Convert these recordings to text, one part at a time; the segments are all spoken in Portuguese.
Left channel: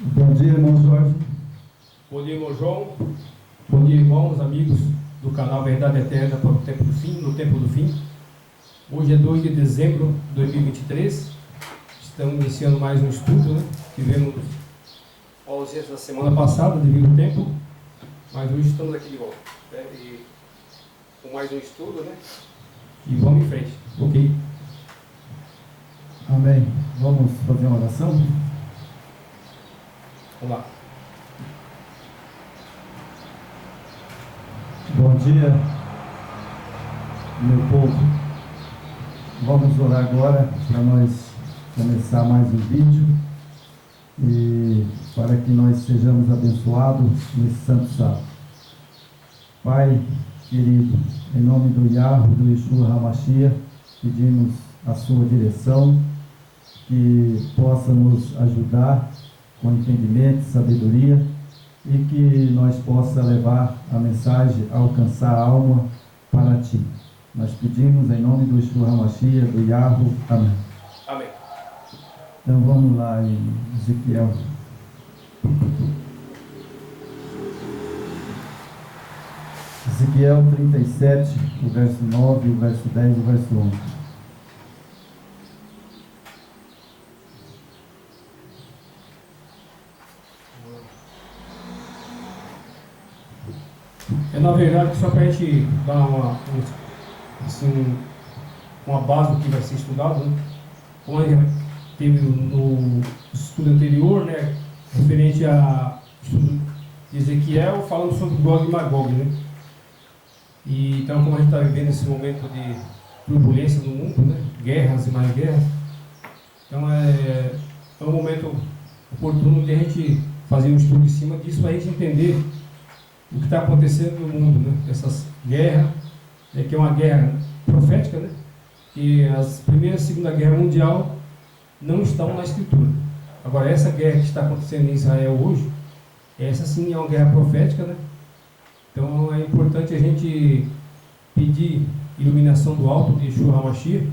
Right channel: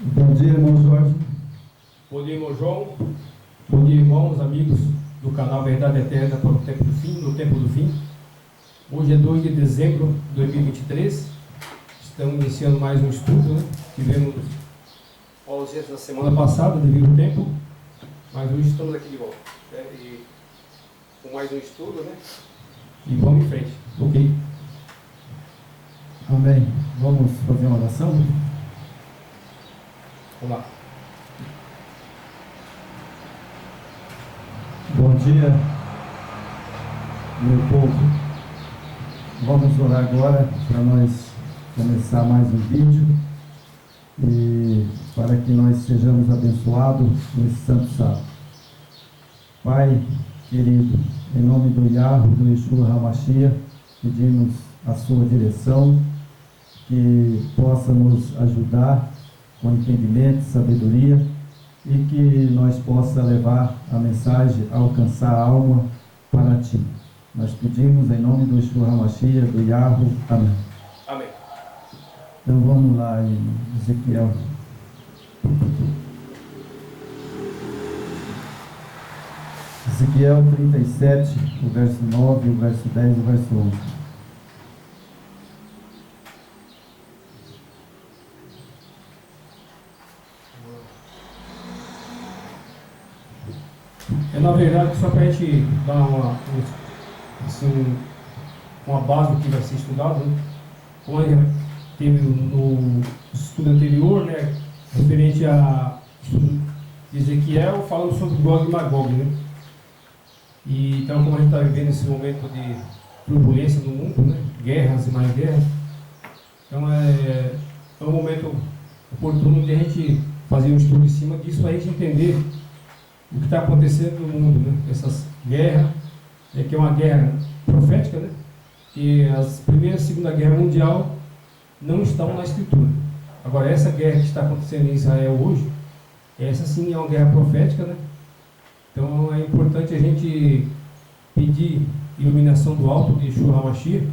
Bom dia, irmão Jorge. Bom dia, irmão João. Bom dia, irmãos, amigos do canal Verdade Eterna para o Tempo do Fim, no Tempo do Fim. Hoje é 2 de dezembro de 2023. Estamos iniciando mais um estudo, né? Tivemos ausência da semana passada devido ao tempo, mas hoje estamos aqui de volta, né? E com mais um estudo, né? E vamos em frente, ok? Amém. Vamos fazer uma oração? Vamos lá. Bom dia, meu povo. Vamos orar agora para nós começar mais um vídeo e para que nós sejamos abençoados nesse santo sábado. Pai querido, em nome do Yahweh, do Yeshua HaMashiach, pedimos a sua direção, que possa nos ajudar com entendimento, sabedoria, e que nós possa levar a mensagem, alcançar a alma para ti. Nós pedimos em nome do Yeshua HaMashiach, do Yahweh. Amém. Amém. Então vamos lá em Ezequiel. Ezequiel 37, o verso 9, o verso 10 e o verso 11. Na verdade, só para a gente dar uma base do que vai ser estudado, né? Como a gente teve no estudo anterior, né, referente a estudo de Ezequiel, falando sobre Gog e Magog, né? E então, como a gente está vivendo esse momento de turbulência no mundo, né, guerras e mais guerras, então é um momento oportuno de a gente fazer um estudo em cima disso para a gente entender o que está acontecendo no mundo, né? Essas guerras, né, que é uma guerra profética, né? Que as Primeira e Segunda Guerra Mundial não estão na Escritura. Agora, essa guerra que está acontecendo em Israel hoje, essa sim é uma guerra profética, né? Então é importante a gente pedir iluminação do alto de Yeshua HaMashiach,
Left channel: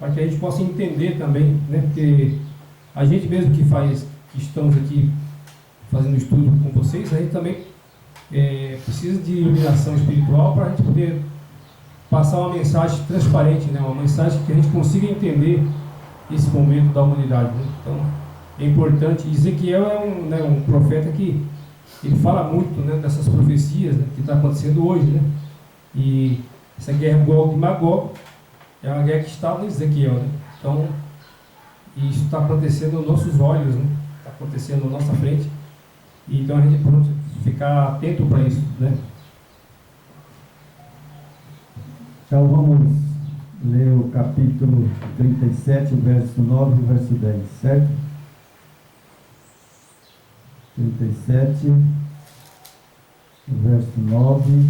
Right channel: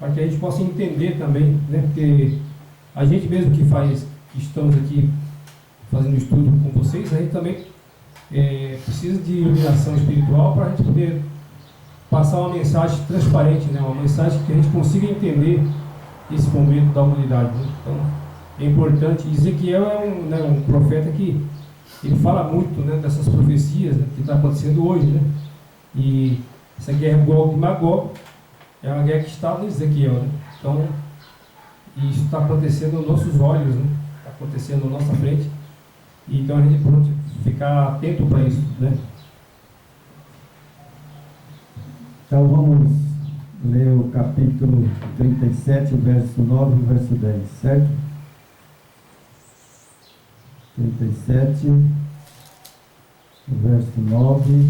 para que a gente possa entender também, né? Porque a gente mesmo que estamos aqui fazendo estudo com vocês, a gente também precisa de iluminação espiritual para a gente poder passar uma mensagem transparente, né? Uma mensagem que a gente consiga entender esse momento da humanidade, né? Então é importante. Ezequiel é um profeta que ele fala muito, né, dessas profecias, né, que está acontecendo hoje, né? E essa guerra Gog e Magog é uma guerra que está no Ezequiel, né? Então isso está acontecendo aos nossos olhos, né? Está acontecendo à nossa frente. E então a gente pode ficar atento para isso, né? Então vamos ler o capítulo 37, o verso 9 e o verso 10, certo? 37, o verso 9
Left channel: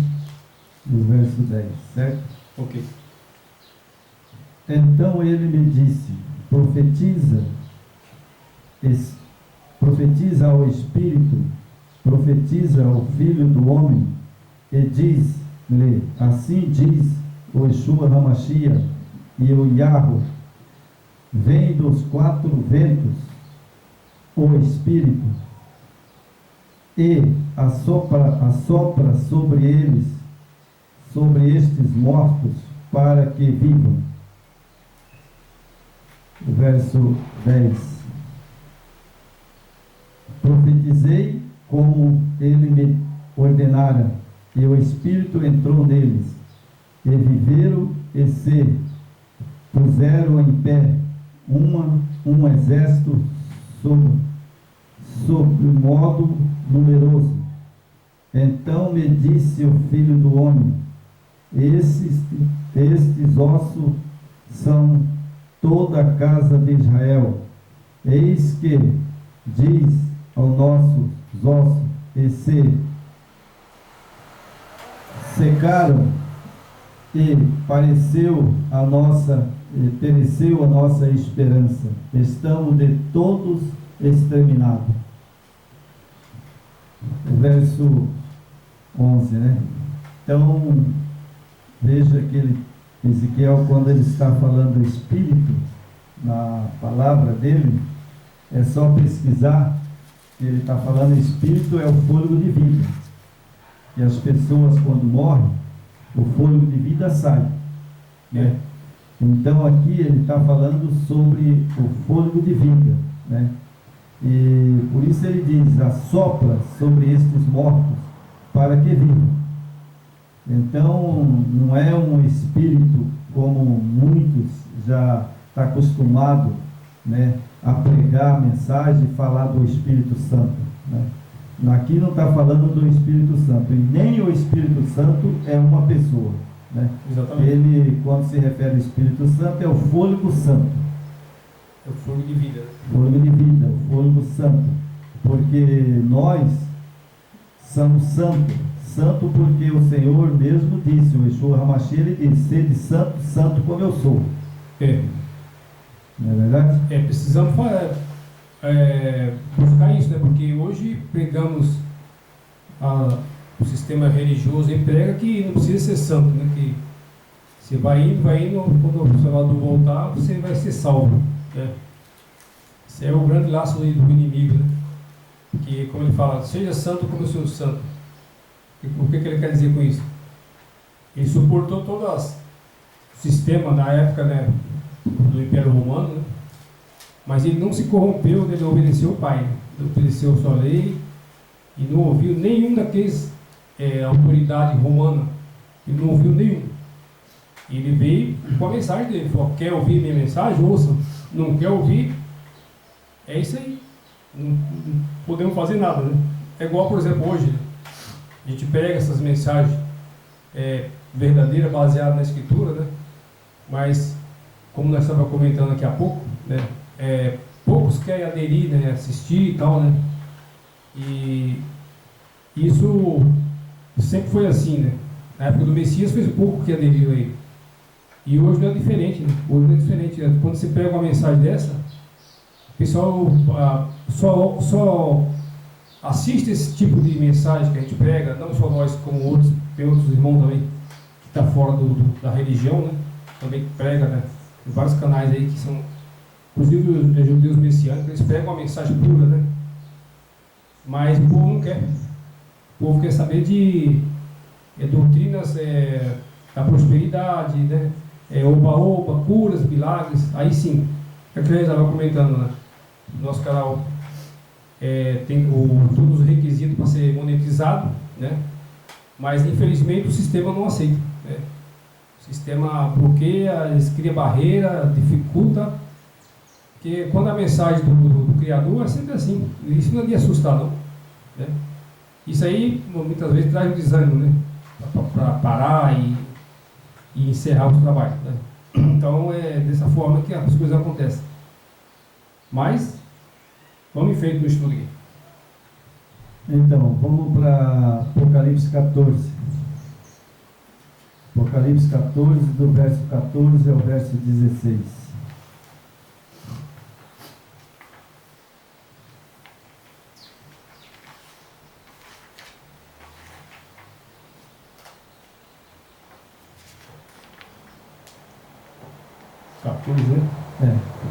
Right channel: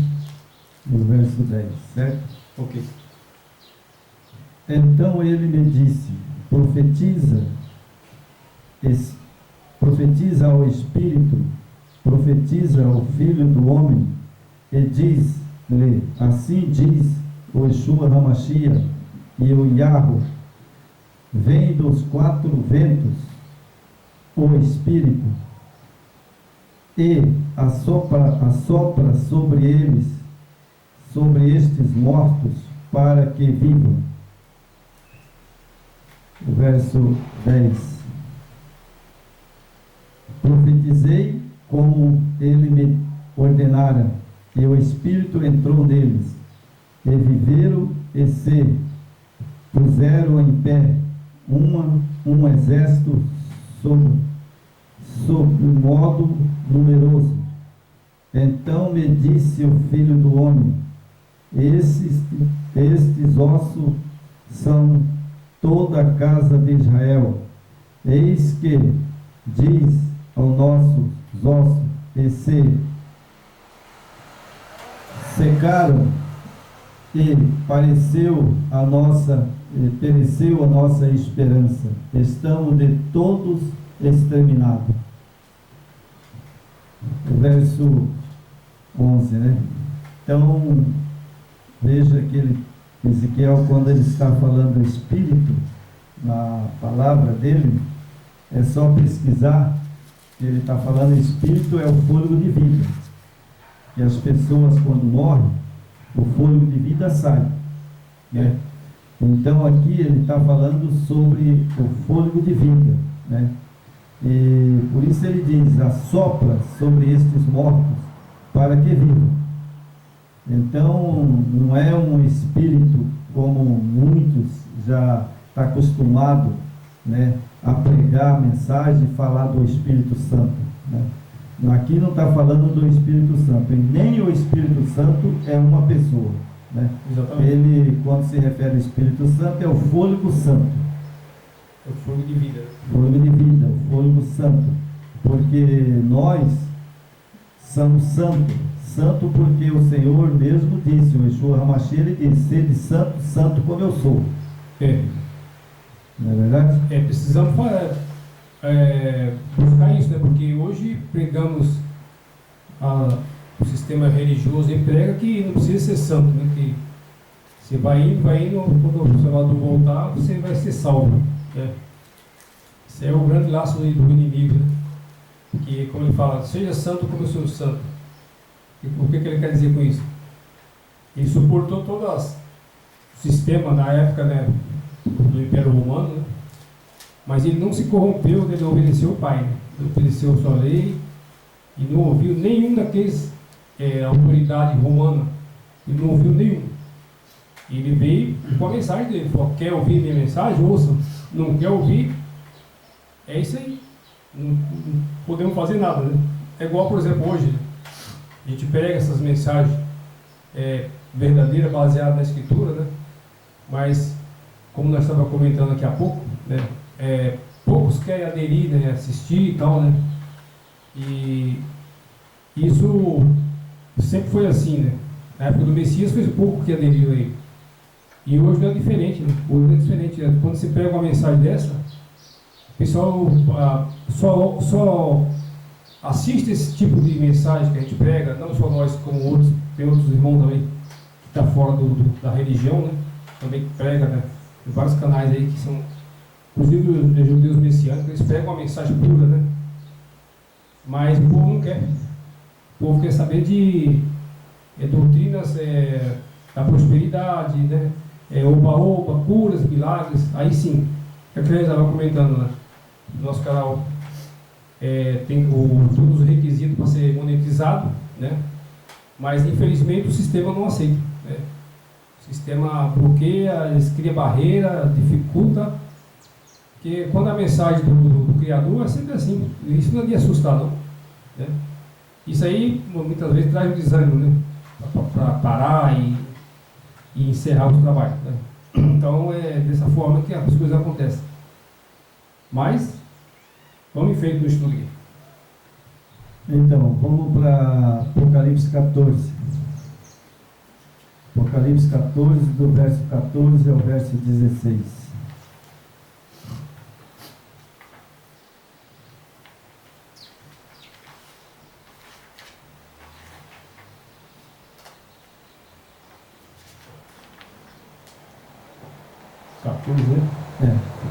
e o verso 10, certo? Ok. Então ele me disse: profetiza ao Espírito, profetiza ao Filho do Homem, e diz-lhe: assim diz o Yeshua HaMashiach e o Yahweh, vem dos 4 ventos o Espírito, e assopra sobre eles, sobre estes mortos, para que vivam. O verso 10. Profetizei como ele me ordenara, e o Espírito entrou neles, e viveram e se puseram em pé um exército sobre modo numeroso. Então me disse o Filho do Homem: estes ossos são toda a casa de Israel. Eis que diz aos nossos ossos, e se secaram, e pereceu a nossa esperança. Estamos de todos exterminados. o verso 11, né? Então, veja que Ezequiel, quando ele está falando Espírito, na palavra dele, é só pesquisar, ele está falando Espírito é o fôlego de vida. E as pessoas, quando morrem, o fôlego de vida sai, né? Então, aqui ele está falando sobre o fôlego de vida, né? E por isso ele diz, assopra sobre estes mortos, para que vivam. Então, não é um espírito como muitos já estão acostumados, né, a pregar a mensagem e falar do Espírito Santo, né? Aqui não está falando do Espírito Santo, e nem o Espírito Santo é uma pessoa, né? Exatamente. Ele, quando se refere ao Espírito Santo, é o fôlego santo. É o fôlego de vida. Fôlego de vida, o fôlego santo. Porque nós somos santos. Santo porque o Senhor mesmo disse, o Yeshua HaMashiach, ele disse, sede santo, santo como eu sou. Não é verdade? Precisamos buscar isso, né? Porque hoje pregamos o sistema religioso e prega que não precisa ser santo, né? Que você vai indo, quando o Salvador voltar, você vai ser salvo, né? Isso é o grande laço do inimigo, né? Que, como ele fala, seja santo como eu sou santo. E o que ele quer dizer com isso? Ele suportou todo o sistema na época, né, do Império Romano, né? Mas ele não se corrompeu, ele obedeceu o Pai, né? Ele obedeceu a sua lei e não ouviu nenhum daqueles autoridade romana, ele não ouviu nenhum. Ele veio com a mensagem dele, falou, quer ouvir minha mensagem? Ouça. Não quer ouvir? É isso aí. Não podemos fazer nada, né? É igual, por exemplo, hoje, né? A gente pega essas mensagens verdadeiras, baseadas na Escritura, né? Mas, como nós estávamos comentando aqui há pouco, né? Poucos querem aderir, né? Assistir e tal, né? E isso sempre foi assim, né? Na época do Messias foi pouco que aderiu aí. E hoje não é diferente, né? Hoje não é diferente, né? Quando você pega uma mensagem dessa, o pessoal só assiste esse tipo de mensagem que a gente prega, não só nós, como outros, tem outros irmãos também, que estão fora da religião, né? Também que prega, né? Tem vários canais aí que são, inclusive os judeus messiânicos, eles pregam uma mensagem pura, né? Mas o povo não quer. O povo quer saber de doutrinas da prosperidade, né? Oba-oba, curas, milagres. Aí sim, que a gente estava comentando, né? No nosso canal tem todos os requisitos para ser monetizado, né? Mas infelizmente o sistema não aceita, né? O sistema bloqueia, eles criam barreira, dificulta, porque quando a mensagem do Criador é sempre assim, isso não é de assustar, não, né? Isso aí muitas vezes traz um desânimo, né? Para parar e encerrar os trabalhos, né? Então é dessa forma que as coisas acontecem. Mas vamos em frente no estudo aqui. Então, vamos para Apocalipse 14. Apocalipse 14, do verso 14 ao verso 16.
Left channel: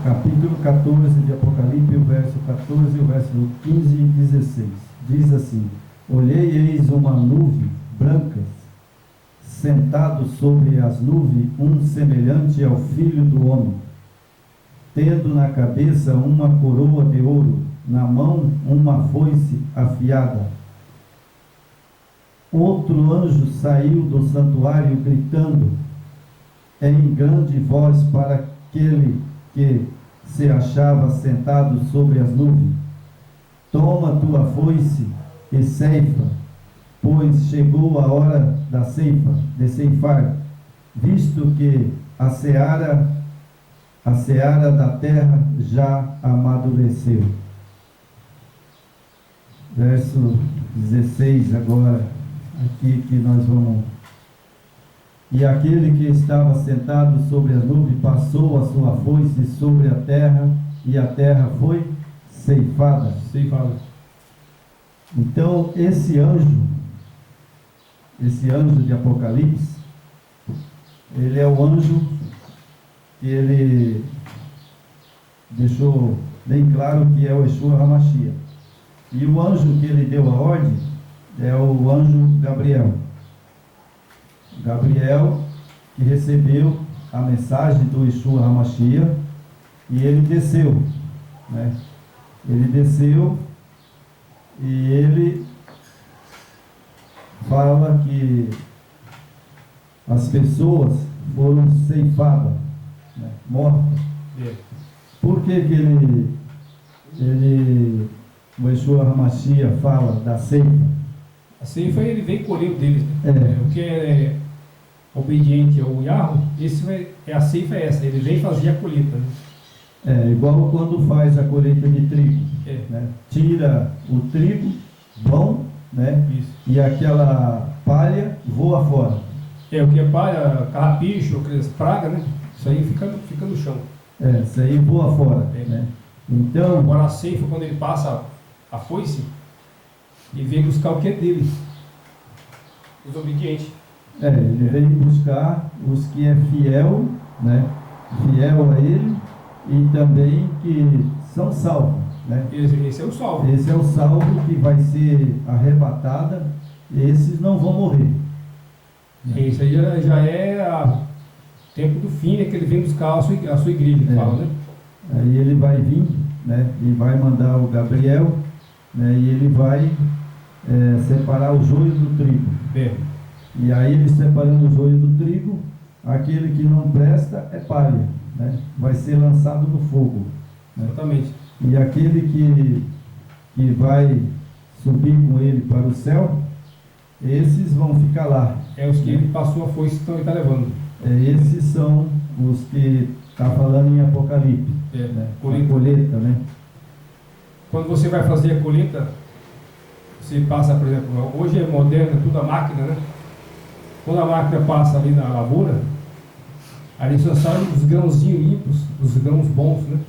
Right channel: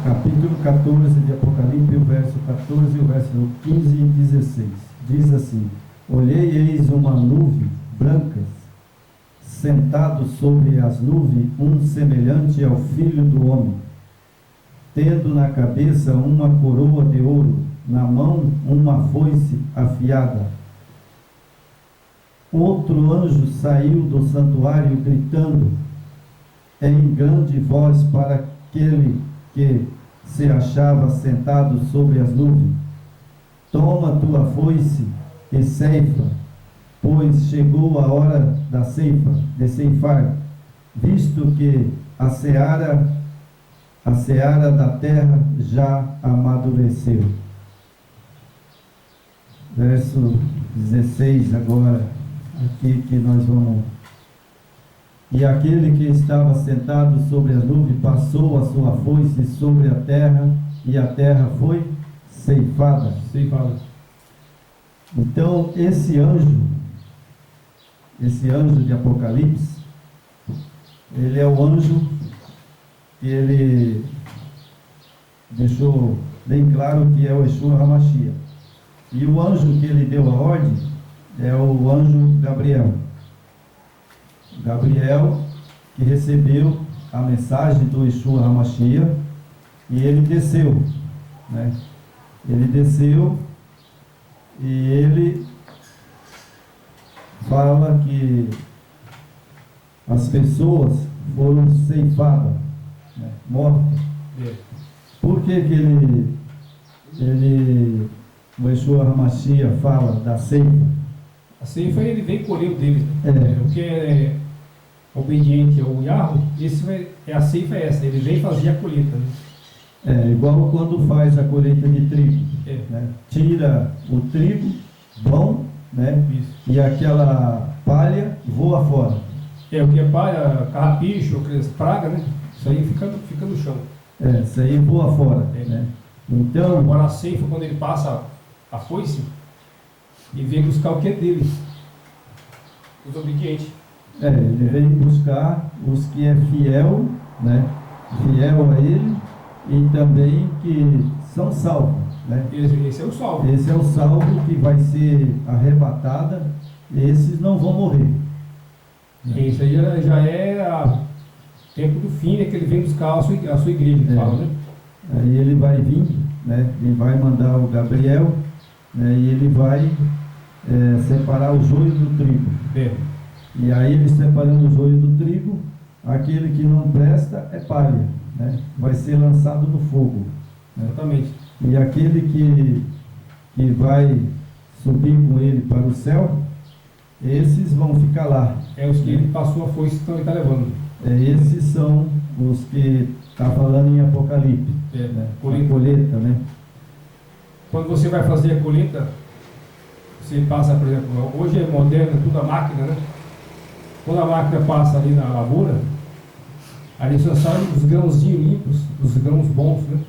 Capítulo 14 de Apocalipse, o verso 14 e o verso 15 e 16. Diz assim: olhei e eis uma nuvem branca, sentado sobre as nuvens, um semelhante ao Filho do Homem, tendo na cabeça uma coroa de ouro, na mão uma foice afiada. Outro anjo saiu do santuário gritando em grande voz para aquele que se achava sentado sobre as nuvens: toma tua foice e ceifa, pois chegou a hora da ceifa, de ceifar, visto que a seara da terra já amadureceu. Verso 16 agora, aqui que nós vamos. E aquele que estava sentado sobre as nuvens passou a sua foice sobre a terra, e a terra foi ceifada. Então, esse anjo de Apocalipse, ele é o anjo que ele deixou bem claro que é o Yeshua HaMashiach. E o anjo que ele deu a ordem é o anjo Gabriel. Gabriel, que recebeu a mensagem do Yeshua HaMashiach, e ele desceu, né? Ele desceu e ele fala que as pessoas foram ceifadas, né? Mortas. Por que o Yeshua HaMashiach fala da ceifa? A ceifa ele vem colher o deles, né? O que é obediente ao Yahweh, a ceifa é essa, ele vem fazer a colheita, né? Igual quando faz a colheita de trigo, né? Tira o trigo bom, né? Isso. E aquela palha voa fora. O que é palha, carrapicho, aquelas pragas, né? Isso aí fica no chão. Isso aí voa fora, né? Então, agora a ceifa, quando ele passa a foice, ele vem buscar o que é dele, os obedientes. Ele vem buscar os que é fiel, né? Fiel a ele, e também que são salvos, né? Esse é o salvo. Esse é o salvo que vai ser arrebatada. Esses não vão morrer. Isso aí já é o tempo do fim, né? Que ele vem buscar a sua igreja, que fala, né? Aí ele vai vir, né? E vai mandar o Gabriel, né? E ele vai separar o joio do trigo. E aí ele separando o joio do trigo, aquele que não presta é palha, né? Vai ser lançado no fogo, né? Exatamente. E aquele que vai subir com ele para o céu, esses vão ficar lá. Os que ele passou a foice, então ele está levando. Esses são os que está falando em Apocalipse, né? Colheita, né? Quando você vai fazer a colheita, você passa, por exemplo, hoje é moderno, tudo a máquina, né? Quando a máquina passa ali na lavoura, ali só saem os grãozinhos limpos, os grãos bons, né?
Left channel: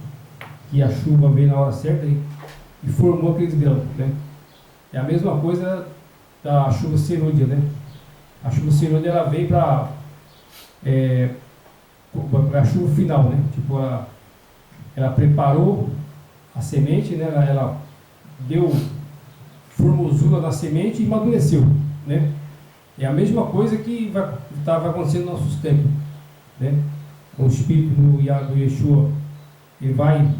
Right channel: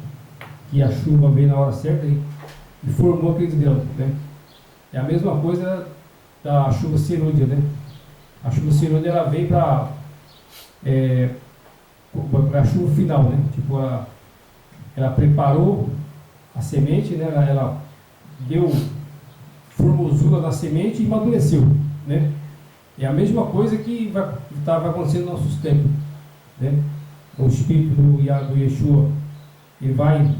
Que a chuva veio na hora certa e formou aqueles grãos, né? É a mesma coisa da chuva serúdia, né? A chuva serúdia, ela vem para a chuva final, né? Tipo, ela preparou a semente, né? Ela deu formosura na semente e amadureceu, né? É a mesma coisa que estava acontecendo nos nossos tempos, né? O Espírito do Yeshua, ele vai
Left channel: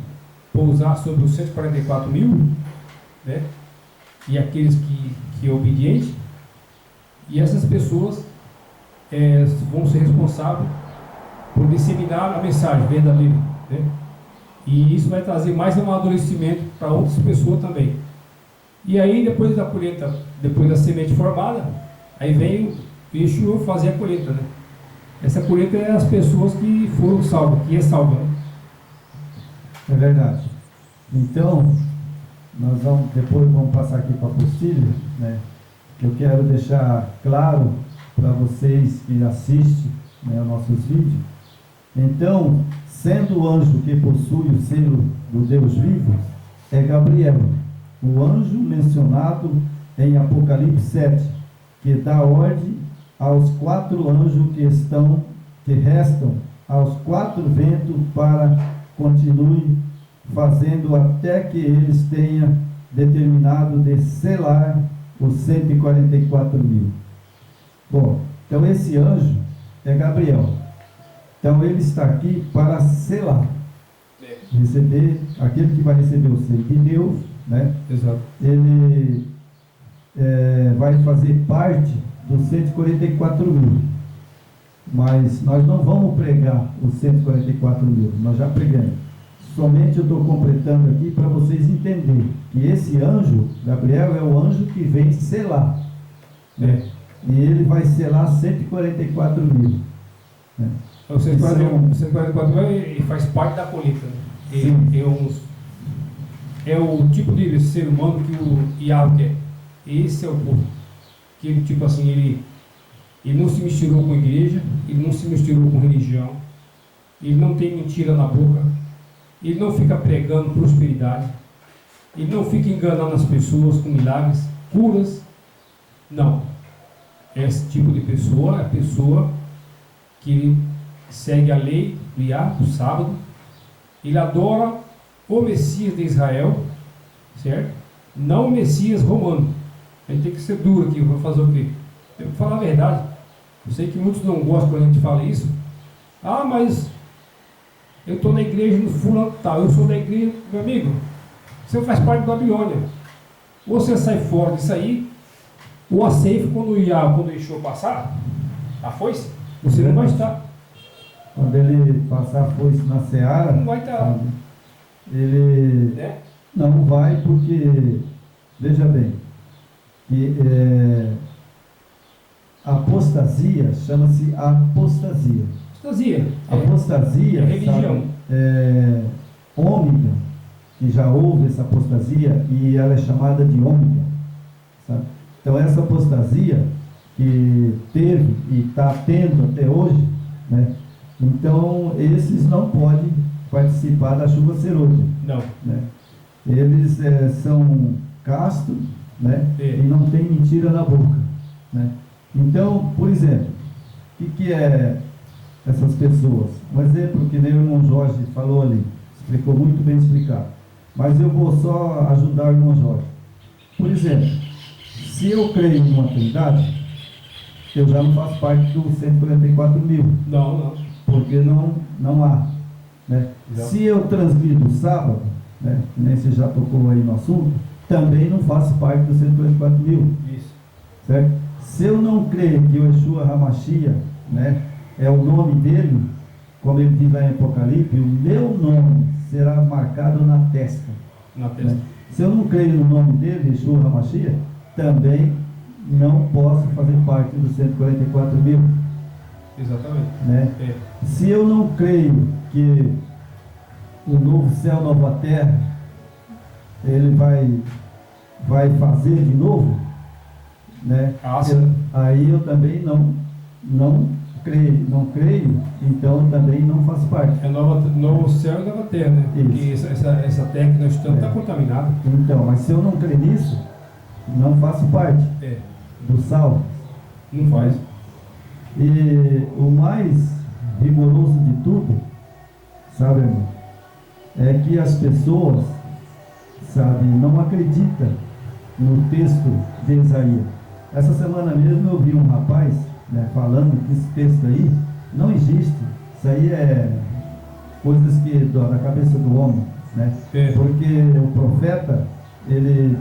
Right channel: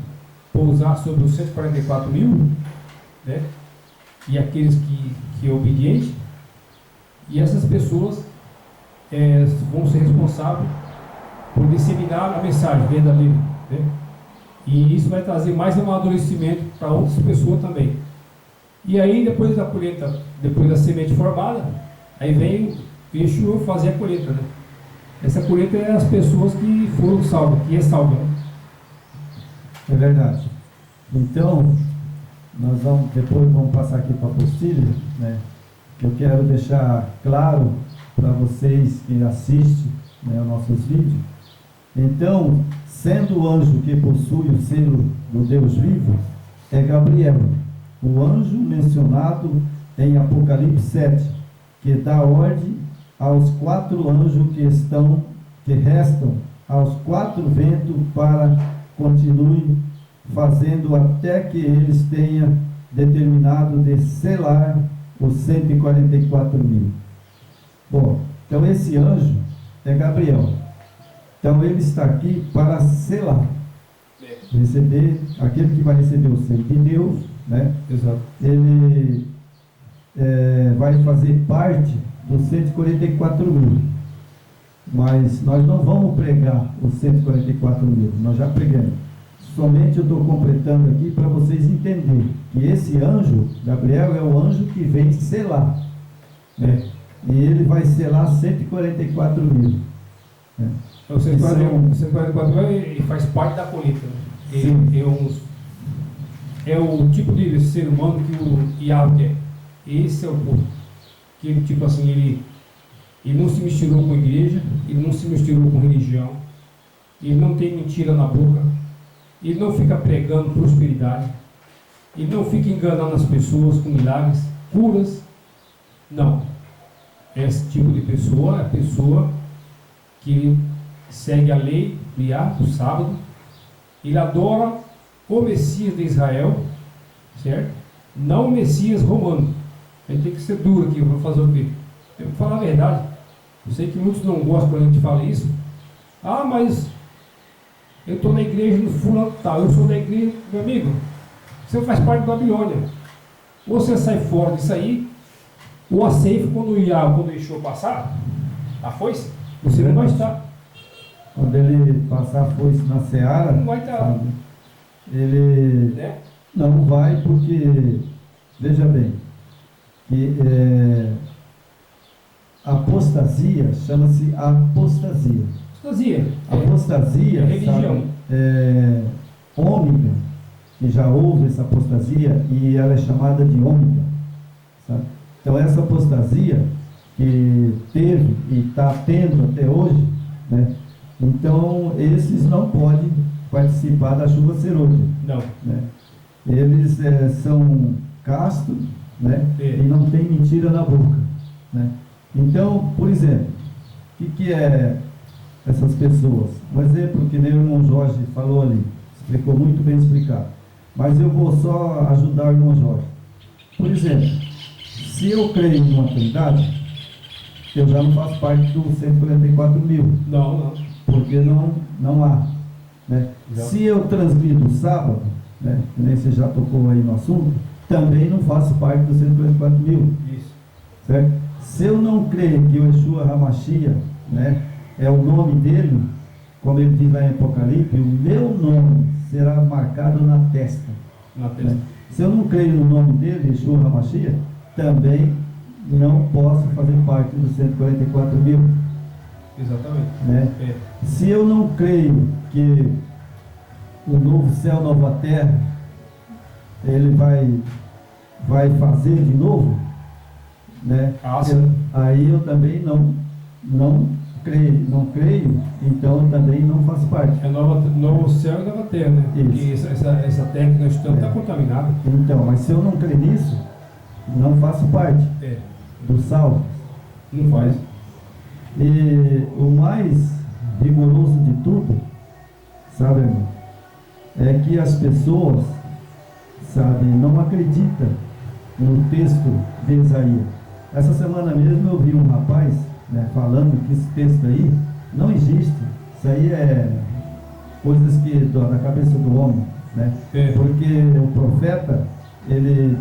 pousar sobre os 144 mil, né? E aqueles que é obediente, e essas pessoas vão ser responsáveis por disseminar a mensagem verdadeira, né? E isso vai trazer mais amadurecimento para outras pessoas também. E aí, depois da colheita, depois da semente formada, aí vem o Yeshua fazer a colheita, né? Essa colheita é as pessoas que foram salvas, que é salva, né? É verdade. Então, nós depois vamos passar aqui para a apostila, né? Que eu quero deixar claro para vocês que assistem, né, os nossos vídeos. Então, sendo o anjo que possui o selo do Deus vivo, é Gabriel, o anjo mencionado em Apocalipse 7, que dá ordem aos 4 anjos que restam aos 4 ventos para continuem fazendo até que eles tenham determinado de selar os 144 mil. Bom, então esse anjo é Gabriel. Então ele está aqui para selar, receber, aquele que vai receber o selo de Deus, né? Exato. Ele vai fazer parte dos 144 mil. Mas nós não vamos pregar os 144 mil, nós já pregamos. Somente eu estou completando aqui para vocês entenderem que esse anjo, Gabriel, é o anjo que vem selar, né? E ele vai selar 144 mil, né? O 144 mil ele faz parte da colheita, né? É o tipo de ser humano que o Yahweh quer. Esse é o povo. Que ele, tipo assim, ele não se misturou com a igreja, ele não se misturou com religião, ele não tem mentira na boca, ele não fica pregando prosperidade, ele não fica enganando as pessoas com milagres, curas. Não. Esse tipo de pessoa é a pessoa que segue a lei do Iá, do sábado. Ele adora o Messias de Israel, certo? Não o Messias romano. A gente tem que ser duro aqui, vou fazer o quê? Eu vou falar a verdade. Eu sei que muitos não gostam quando a gente fala isso. Ah, mas eu estou na igreja no fulano tal, eu sou da igreja, meu amigo, você faz parte da Babilônia. Ou você sai fora disso aí, ou a ceifa, quando o Yeshua passar, a foice, você não vai estar. Quando ele passar a foice na seara, Não vai estar. Ele Né? não vai porque, veja bem, que a apostasia chama-se apostasia. Apostasia. Apostasia, é religião. Ômega, que já houve essa apostasia e ela é chamada de ômega, sabe? Então essa apostasia que teve e está tendo até hoje, né? Então esses não podem participar da chuva serôdia. Não. Né? Eles são castos, né? E não tem mentira na boca, né? Então, por exemplo, o que é essas pessoas? Um exemplo que nem o irmão Jorge falou ali, explicou muito bem explicado, mas eu vou só ajudar o irmão Jorge. Por exemplo, se eu creio em uma trindade, eu já não faço parte dos 144 mil. Não. Porque não há. Né? Se eu transgrido o sábado, né, que nem você já tocou aí no assunto, também não faço parte dos 144 mil. Isso. Certo? Se eu não crer que o Yeshua HaMashiach, né, é o nome dele, como ele diz lá em Apocalipse, o meu nome será marcado na testa. Na testa. Né? Se eu não creio no nome dele, Yeshua HaMashiach, também não posso fazer parte dos 144 mil. Exatamente. Né? Se eu não creio que o novo céu, nova terra, ele vai fazer de novo, né? Aí eu também não creio, então eu também não faço parte. É novo céu e nova terra, né? Isso. Porque essa terra que nós estamos está contaminada. Então, mas se eu não crer nisso, não faço parte do salvo. Não faz. E o mais rigoroso de tudo, sabe, irmão, é que as pessoas, sabe, não acreditam no texto de Isaías. Essa semana mesmo eu vi um rapaz, né, falando que esse texto aí não existe. Isso aí é coisas que da cabeça do homem, né? Porque o profeta, ele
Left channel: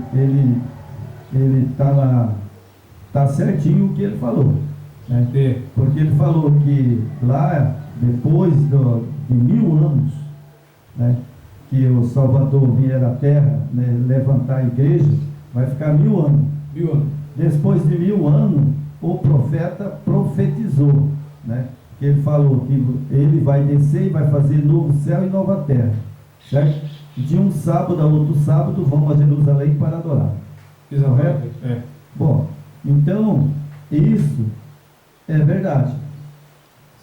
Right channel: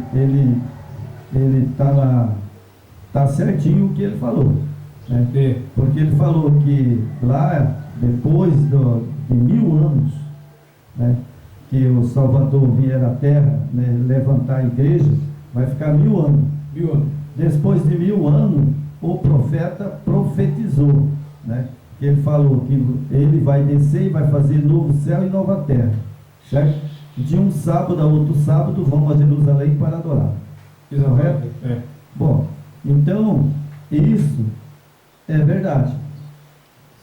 tá certinho o que ele falou, né? Porque ele falou que lá, depois de 1000 anos, né, que o Salvador vier à terra, né, levantar a igreja, vai ficar 1000 anos. 1000 anos. Depois de 1000 anos, o profeta profetizou, né, que ele falou que ele vai descer e vai fazer novo céu e nova terra, certo? De um sábado a outro sábado vão a Jerusalém para adorar. Exatamente. Bom, então isso é verdade.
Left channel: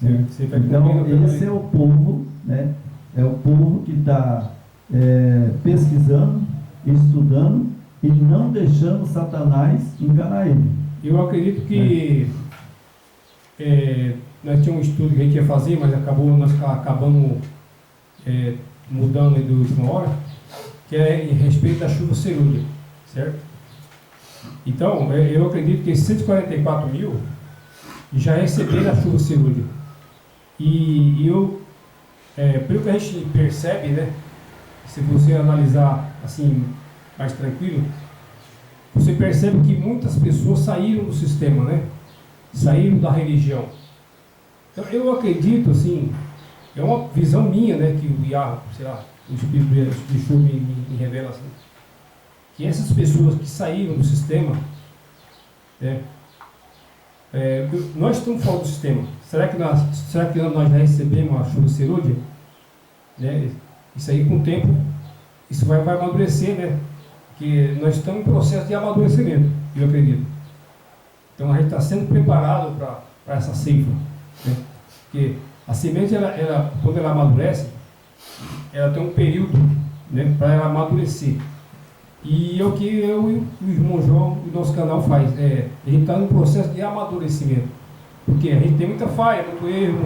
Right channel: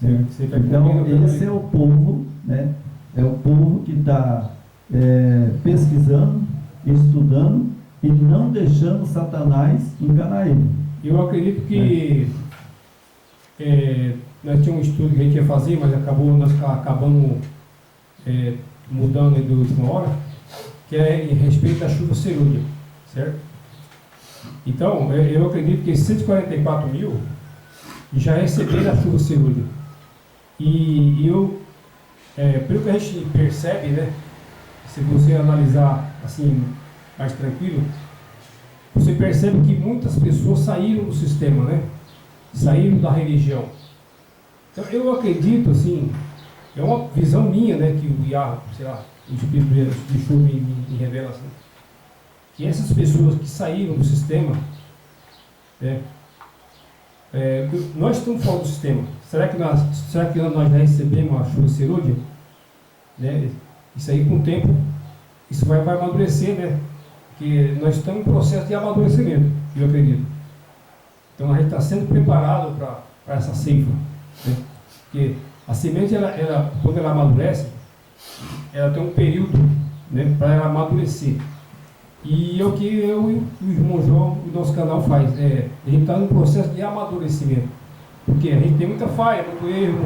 Né? Então esse é o povo, né? É o povo que está pesquisando, estudando e não deixando Satanás enganar ele. Eu acredito que nós tínhamos um estudo que a gente ia fazer, mas nós acabamos mudando de última hora, que é em respeito da chuva cerúlea, certo? Então, eu acredito que esses 144 mil já receberam a chuva cerúlea. E pelo que a gente percebe, né, se você analisar assim, mais tranquilo, você percebe que muitas pessoas saíram do sistema, né? Saíram da religião. Então, eu acredito, assim, é uma visão minha, né, que o Iá, sei lá, o Espírito de Yeshua me revela assim, que essas pessoas que saíram do sistema, né, nós estamos fora do sistema. Será que nós já recebemos a chuva serúdia? Né? Isso aí, com o tempo, isso vai amadurecer, né? Porque nós estamos em processo de amadurecimento, eu acredito. Então a gente está sendo preparado para essa ceifa, né? Porque a semente, quando ela amadurece, ela tem um período, né, para ela amadurecer. E é o que eu e o irmão João, o nosso canal faz. A gente está num processo de amadurecimento. Porque a gente tem muita falha, muito erro,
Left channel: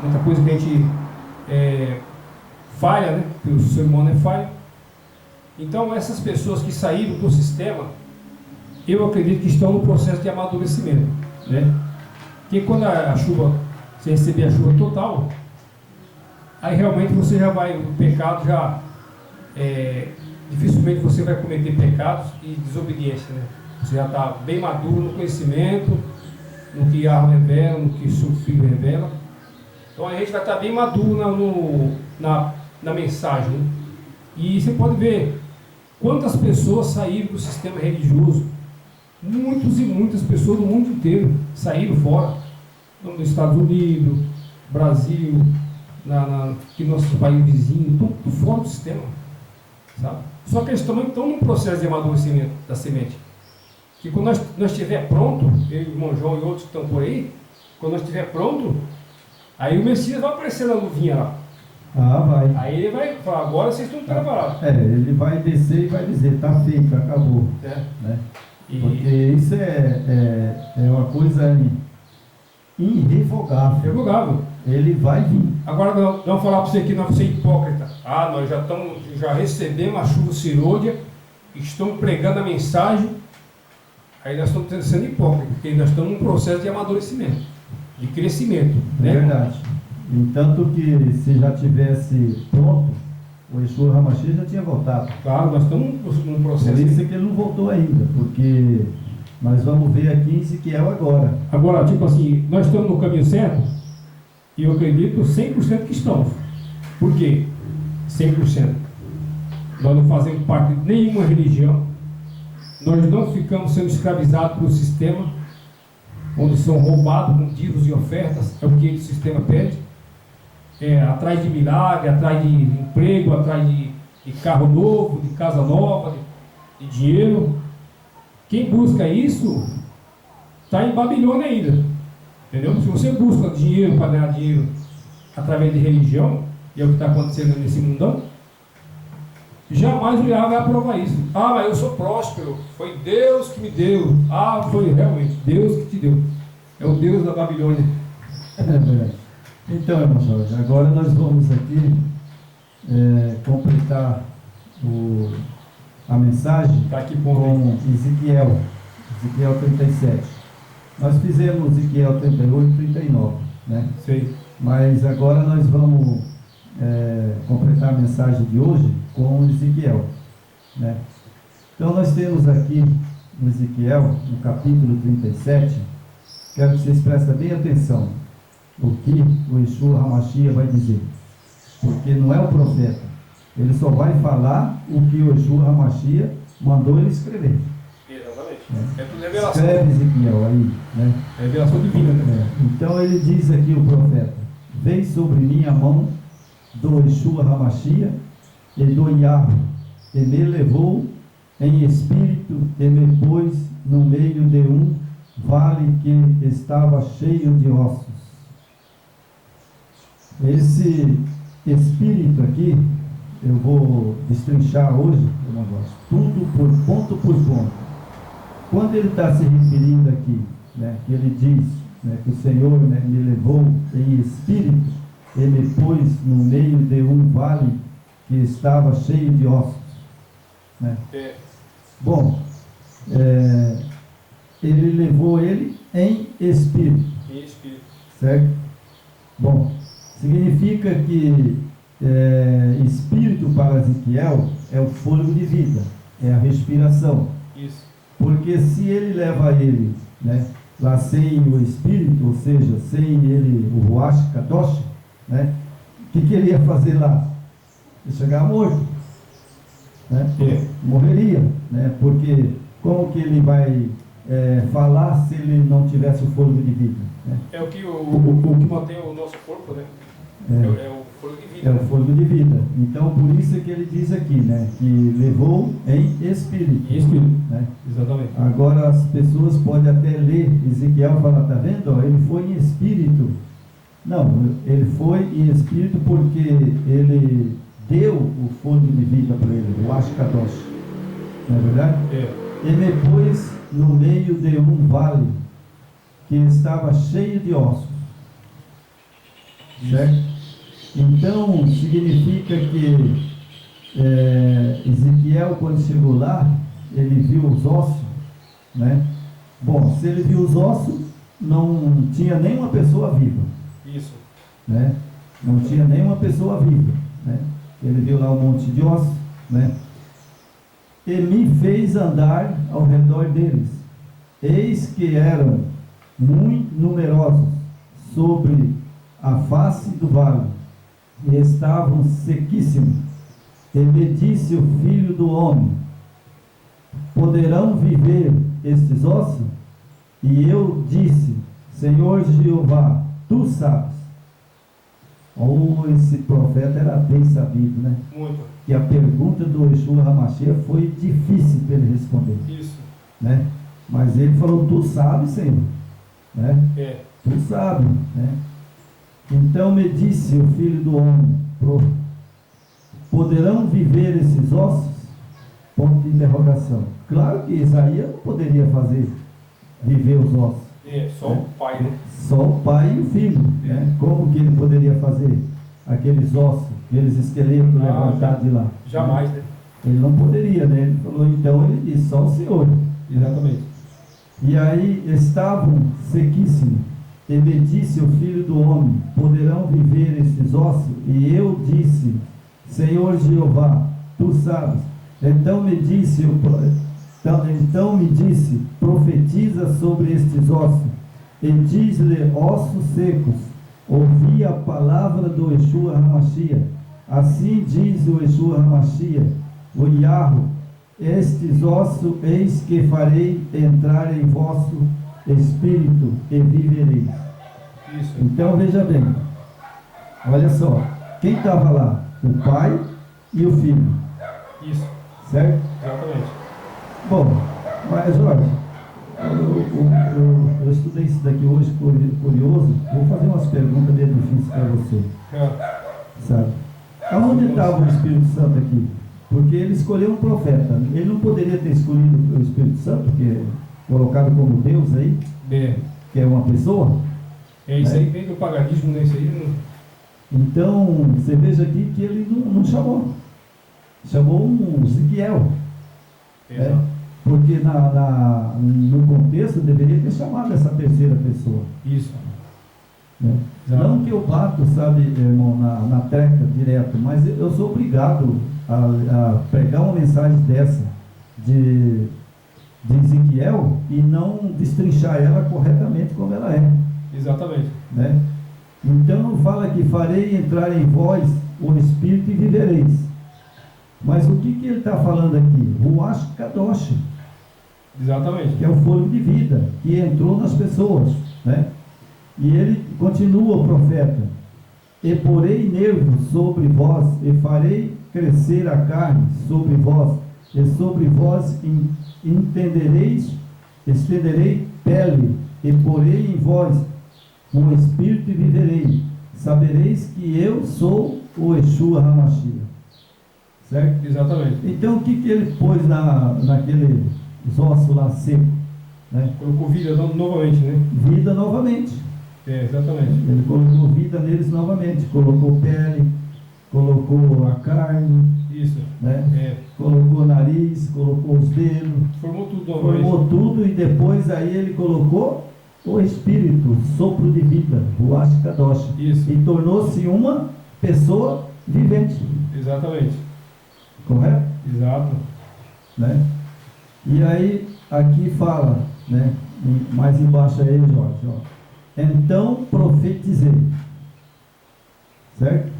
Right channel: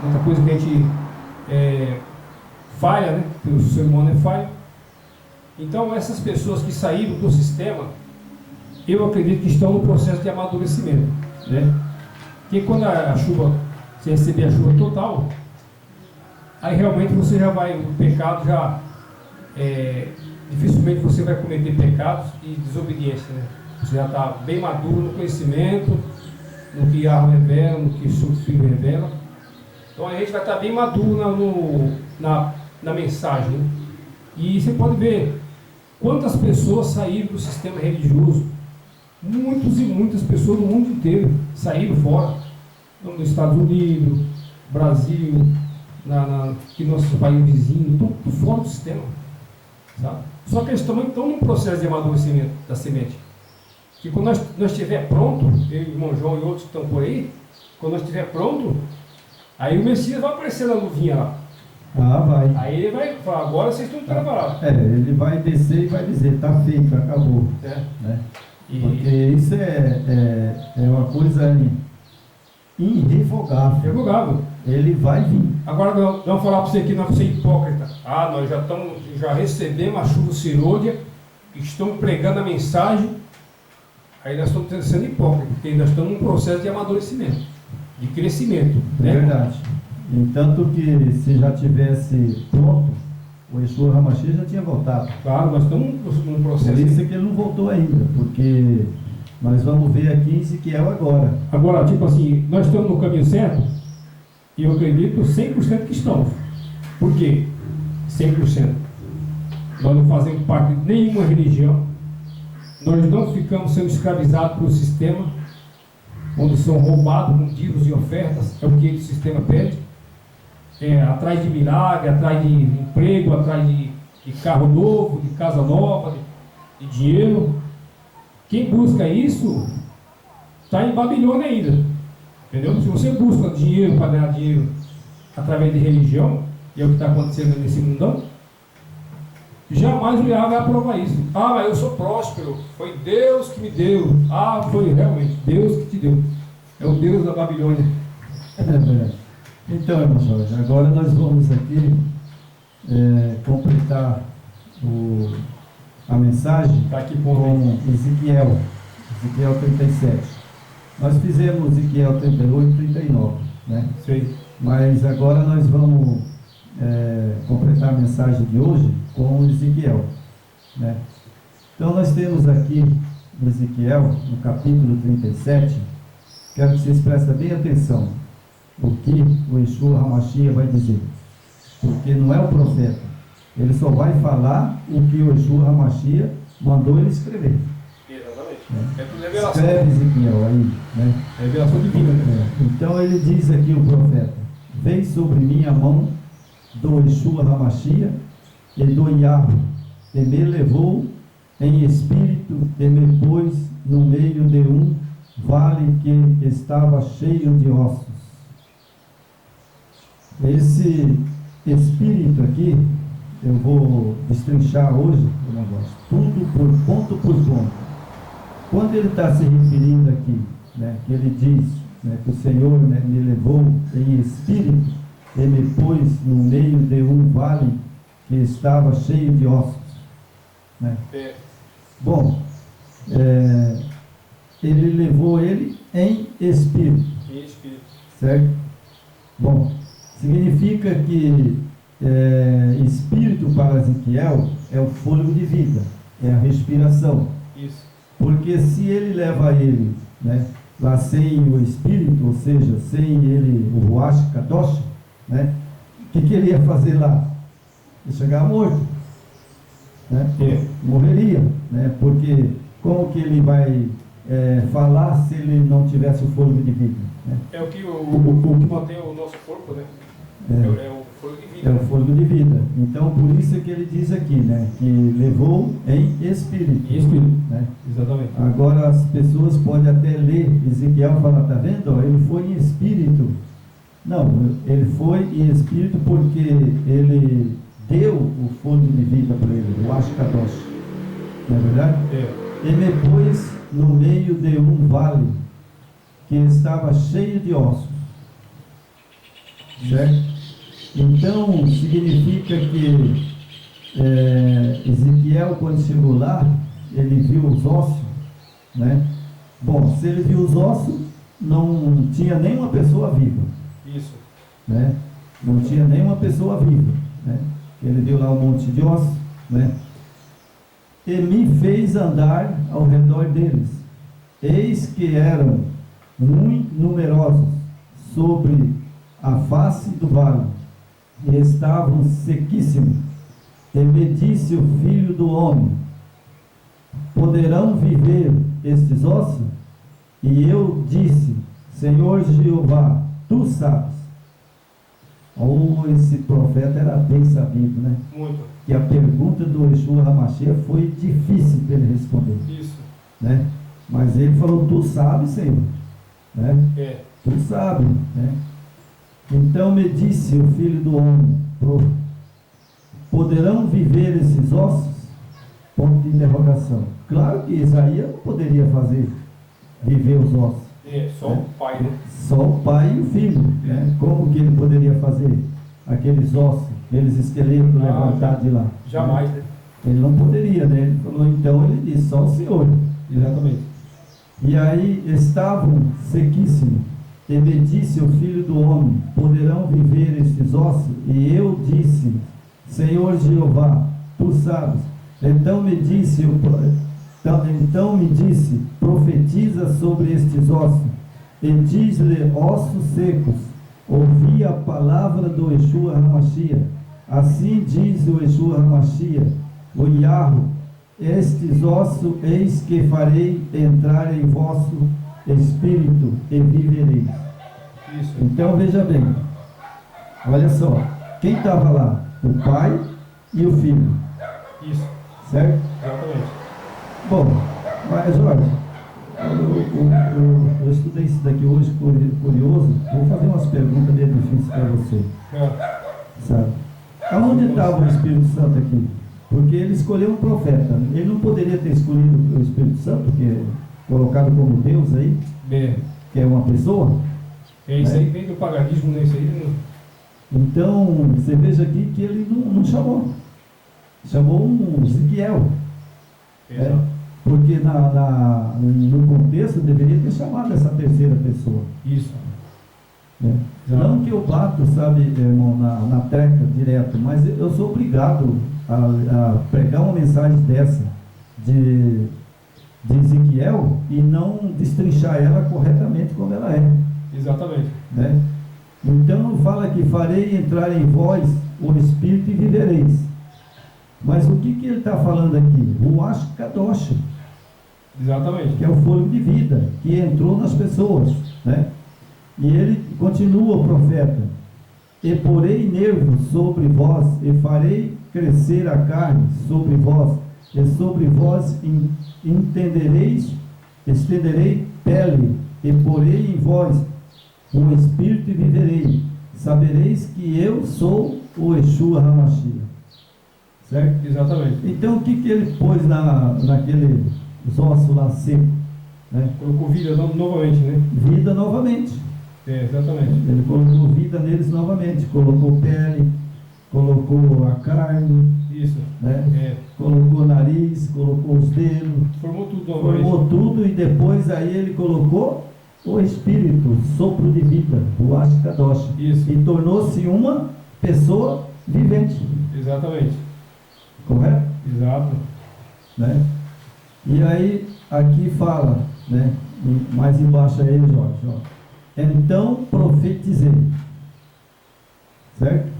muita coisa que a gente falha, né? Porque o ser humano é falho. Então essas pessoas que saíram do sistema, eu acredito que estão no processo de amadurecimento, né? Porque quando a chuva, você receber a chuva total, aí realmente você já vai, o pecado já, dificilmente você vai cometer pecados e desobediência, né? Você já está bem maduro no conhecimento, no que a arma revela, no que o seu filho revela. Então a gente vai estar bem maduro na mensagem, né? E você pode ver quantas pessoas saíram do sistema religioso. Muitas e muitas pessoas do mundo inteiro saíram fora, nos Estados Unidos, Brasil, aqui no nosso país vizinho, estão fora do sistema, sabe? Só que eles também estão num processo de amadurecimento da semente. Que quando nós estiver pronto, eu, o irmão João e outros que estão por aí, quando nós estiver pronto, aí o Messias vai aparecer na luvinha lá. Ah, vai. Aí ele vai falar, agora vocês estão preparados. Ele vai descer e vai dizer, está feito, acabou. Né? Porque isso é uma coisa irrevogável. Irrevogável. Ele vai vir. Agora vamos falar para você que nós somos hipócrita. Nós já recebemos a chuva cirúrgica, estamos pregando a mensagem, aí nós estamos sendo hipócritas, porque nós estamos num processo de amadurecimento, de crescimento. É verdade. Entanto que se já tivesse pronto, o Yeshua HaMashiach já tinha voltado. Claro, nós estamos num processo. Por isso é que ele não voltou ainda, porque nós vamos ver aqui em Ezequiel agora. Agora, tipo assim, nós estamos no caminho certo, e eu acredito 100% que estamos. Por quê? 100%. Nós não fazemos parte de nenhuma religião, nós não ficamos sendo escravizados pelo sistema, onde são roubados com dízimos e ofertas, é o que o sistema pede. Atrás de milagre, atrás de emprego, atrás de carro novo, de casa nova, de dinheiro. Quem busca isso está em Babilônia ainda, entendeu? Se você busca dinheiro para ganhar dinheiro através de religião, e é o que está acontecendo nesse mundão, jamais o Yahweh vai aprovar isso. Mas eu sou próspero, foi Deus que me deu. Foi realmente Deus que te deu. É o Deus da Babilônia. Então, irmão Jorge, agora nós vamos aqui completar a mensagem com Ezequiel 37. Nós fizemos Ezequiel 38 e 39, né? Sim. Mas agora nós vamos completar a mensagem de hoje com Ezequiel, né? Então nós temos aqui em Ezequiel, no capítulo 37, quero que vocês prestem bem atenção o que o Yeshua HaMashiach vai dizer, porque não é o profeta, ele só vai falar o que o Yeshua HaMashiach mandou ele escrever. Exatamente. É tudo revelação. Escreve Ezequiel aí, né? Revelação divina, né? Então ele diz aqui, o profeta: veio sobre mim a mão do Yeshua HaMashiach e do Yahweh, e me levou em espírito e me pôs no meio de um vale que estava cheio de ossos. Esse espírito aqui, eu vou destrinchar hoje o negócio, tudo por ponto. Quando ele está se referindo aqui, né, que ele diz, né, que o Senhor, né, me levou em espírito e me pôs no meio de um vale que estava cheio de ossos, né? Bom, ele levou ele em espírito. Em espírito. Certo? Bom, significa que espírito para Ezequiel é o fôlego de vida, é a respiração. Isso. Porque se ele leva ele, né, lá sem o espírito, ou seja, sem ele, o Ruach Kadosh, né, o que ele ia fazer lá? Ia chegar morto, né? Morreria, né? Porque como que ele vai falar se ele não tivesse o fôlego de vida, né? É o que mantém o nosso corpo, né? É o fôlego de vida. É o fôlego de vida. Então, por isso é que ele diz aqui, né, que levou em espírito. Em espírito, né? Exatamente. Agora, as pessoas podem até ler Ezequiel e falar, tá vendo? Ó, ele foi em espírito. Não, ele foi em espírito porque ele deu o fôlego de vida para ele, o Ashkadosh. não é verdade? E me pôs no meio de um vale que estava cheio de ossos, certo? Então significa que Ezequiel, quando chegou lá, ele viu os ossos, né? Bom, se ele viu os ossos, não tinha nenhuma pessoa viva. Isso. Né? Não tinha nenhuma pessoa viva, né? Ele viu lá um monte de ossos, né? E me fez andar ao redor deles. Eis que eram muito numerosos sobre a face do vale, e estavam sequíssimos. E me disse o filho do homem: poderão viver estes ossos? E eu disse: Senhor Jeová, tu sabes. Esse profeta era bem sabido, né? Muito. E a pergunta do Yeshua HaMashiach foi difícil para ele responder. Isso. Né? Mas ele falou: tu sabes, Senhor. Né? Tu sabes, né? Então me disse o filho do homem: poderão viver esses ossos? Ponto de interrogação. Claro que Isaías não poderia fazer viver os ossos. Só o pai, né? Só o pai e o filho, né? Como que ele poderia fazer aqueles ossos, aqueles esqueletos levantados de lá? Jamais, né? Ele não poderia, né? Ele falou, então ele disse, só o Senhor. Exatamente. E aí estavam sequíssimos. E me disse o filho do homem: poderão viver esses ossos? E eu disse: Senhor Jeová, tu sabes. Então me disse, profetiza sobre estes ossos, e diz-lhe: ossos secos, ouvi a palavra do Yeshua HaMashiach. Assim diz o Yeshua HaMashiach, o Yahweh: estes ossos eis que farei entrar em vosso espírito e vivereis. Isso. Então veja bem, olha só, quem estava lá? O pai e o filho. Isso. Certo? Exatamente. Bom, mas Jorge, eu estudei isso daqui hoje, curioso. Vou fazer umas perguntas meio difíceis para você. Sabe? Aonde estava o Espírito Santo aqui? Porque ele escolheu um profeta. Ele não poderia ter escolhido o Espírito Santo, que é colocado como Deus aí, que é uma pessoa. Isso aí vem do paganismo, né? Isso aí não... Então, você veja aqui que ele não chamou. Chamou um Ezequiel. Porque no contexto deveria ter chamado essa terceira pessoa. Isso. Né? Não que eu bato, sabe, irmão, na treca direto, mas eu sou obrigado a pregar uma mensagem dessa de Ezequiel e não destrinchar ela corretamente como ela é. Exatamente. Né? Então fala que farei entrar em vós o Espírito e vivereis. Mas o que ele está falando aqui? Ruach Kadosh. Exatamente. Que é o fôlego de vida que entrou nas pessoas, né? E ele continua, o profeta: e porei nervos sobre vós, e farei crescer a carne sobre vós, e sobre vós estenderei pele, e porei em vós um espírito e viverei. Sabereis que eu sou o Yeshua HaMashiach. Certo? Exatamente. Então o que ele pôs naquele ossos lá seco? Né? Colocou vida novamente, né? Vida novamente. Exatamente. Ele colocou vida neles novamente, colocou pele, colocou a carne, isso, né? Colocou o nariz, colocou os dedos, formou tudo novamente. Formou tudo, e depois aí ele colocou o espírito, o sopro de vida, o Ruach Kadosh, e tornou-se uma pessoa vivente. Exatamente. Correto? Exato. Né? E aí aqui fala, né? E mais embaixo aí, Jorge, ó. Então profetizei. Certo?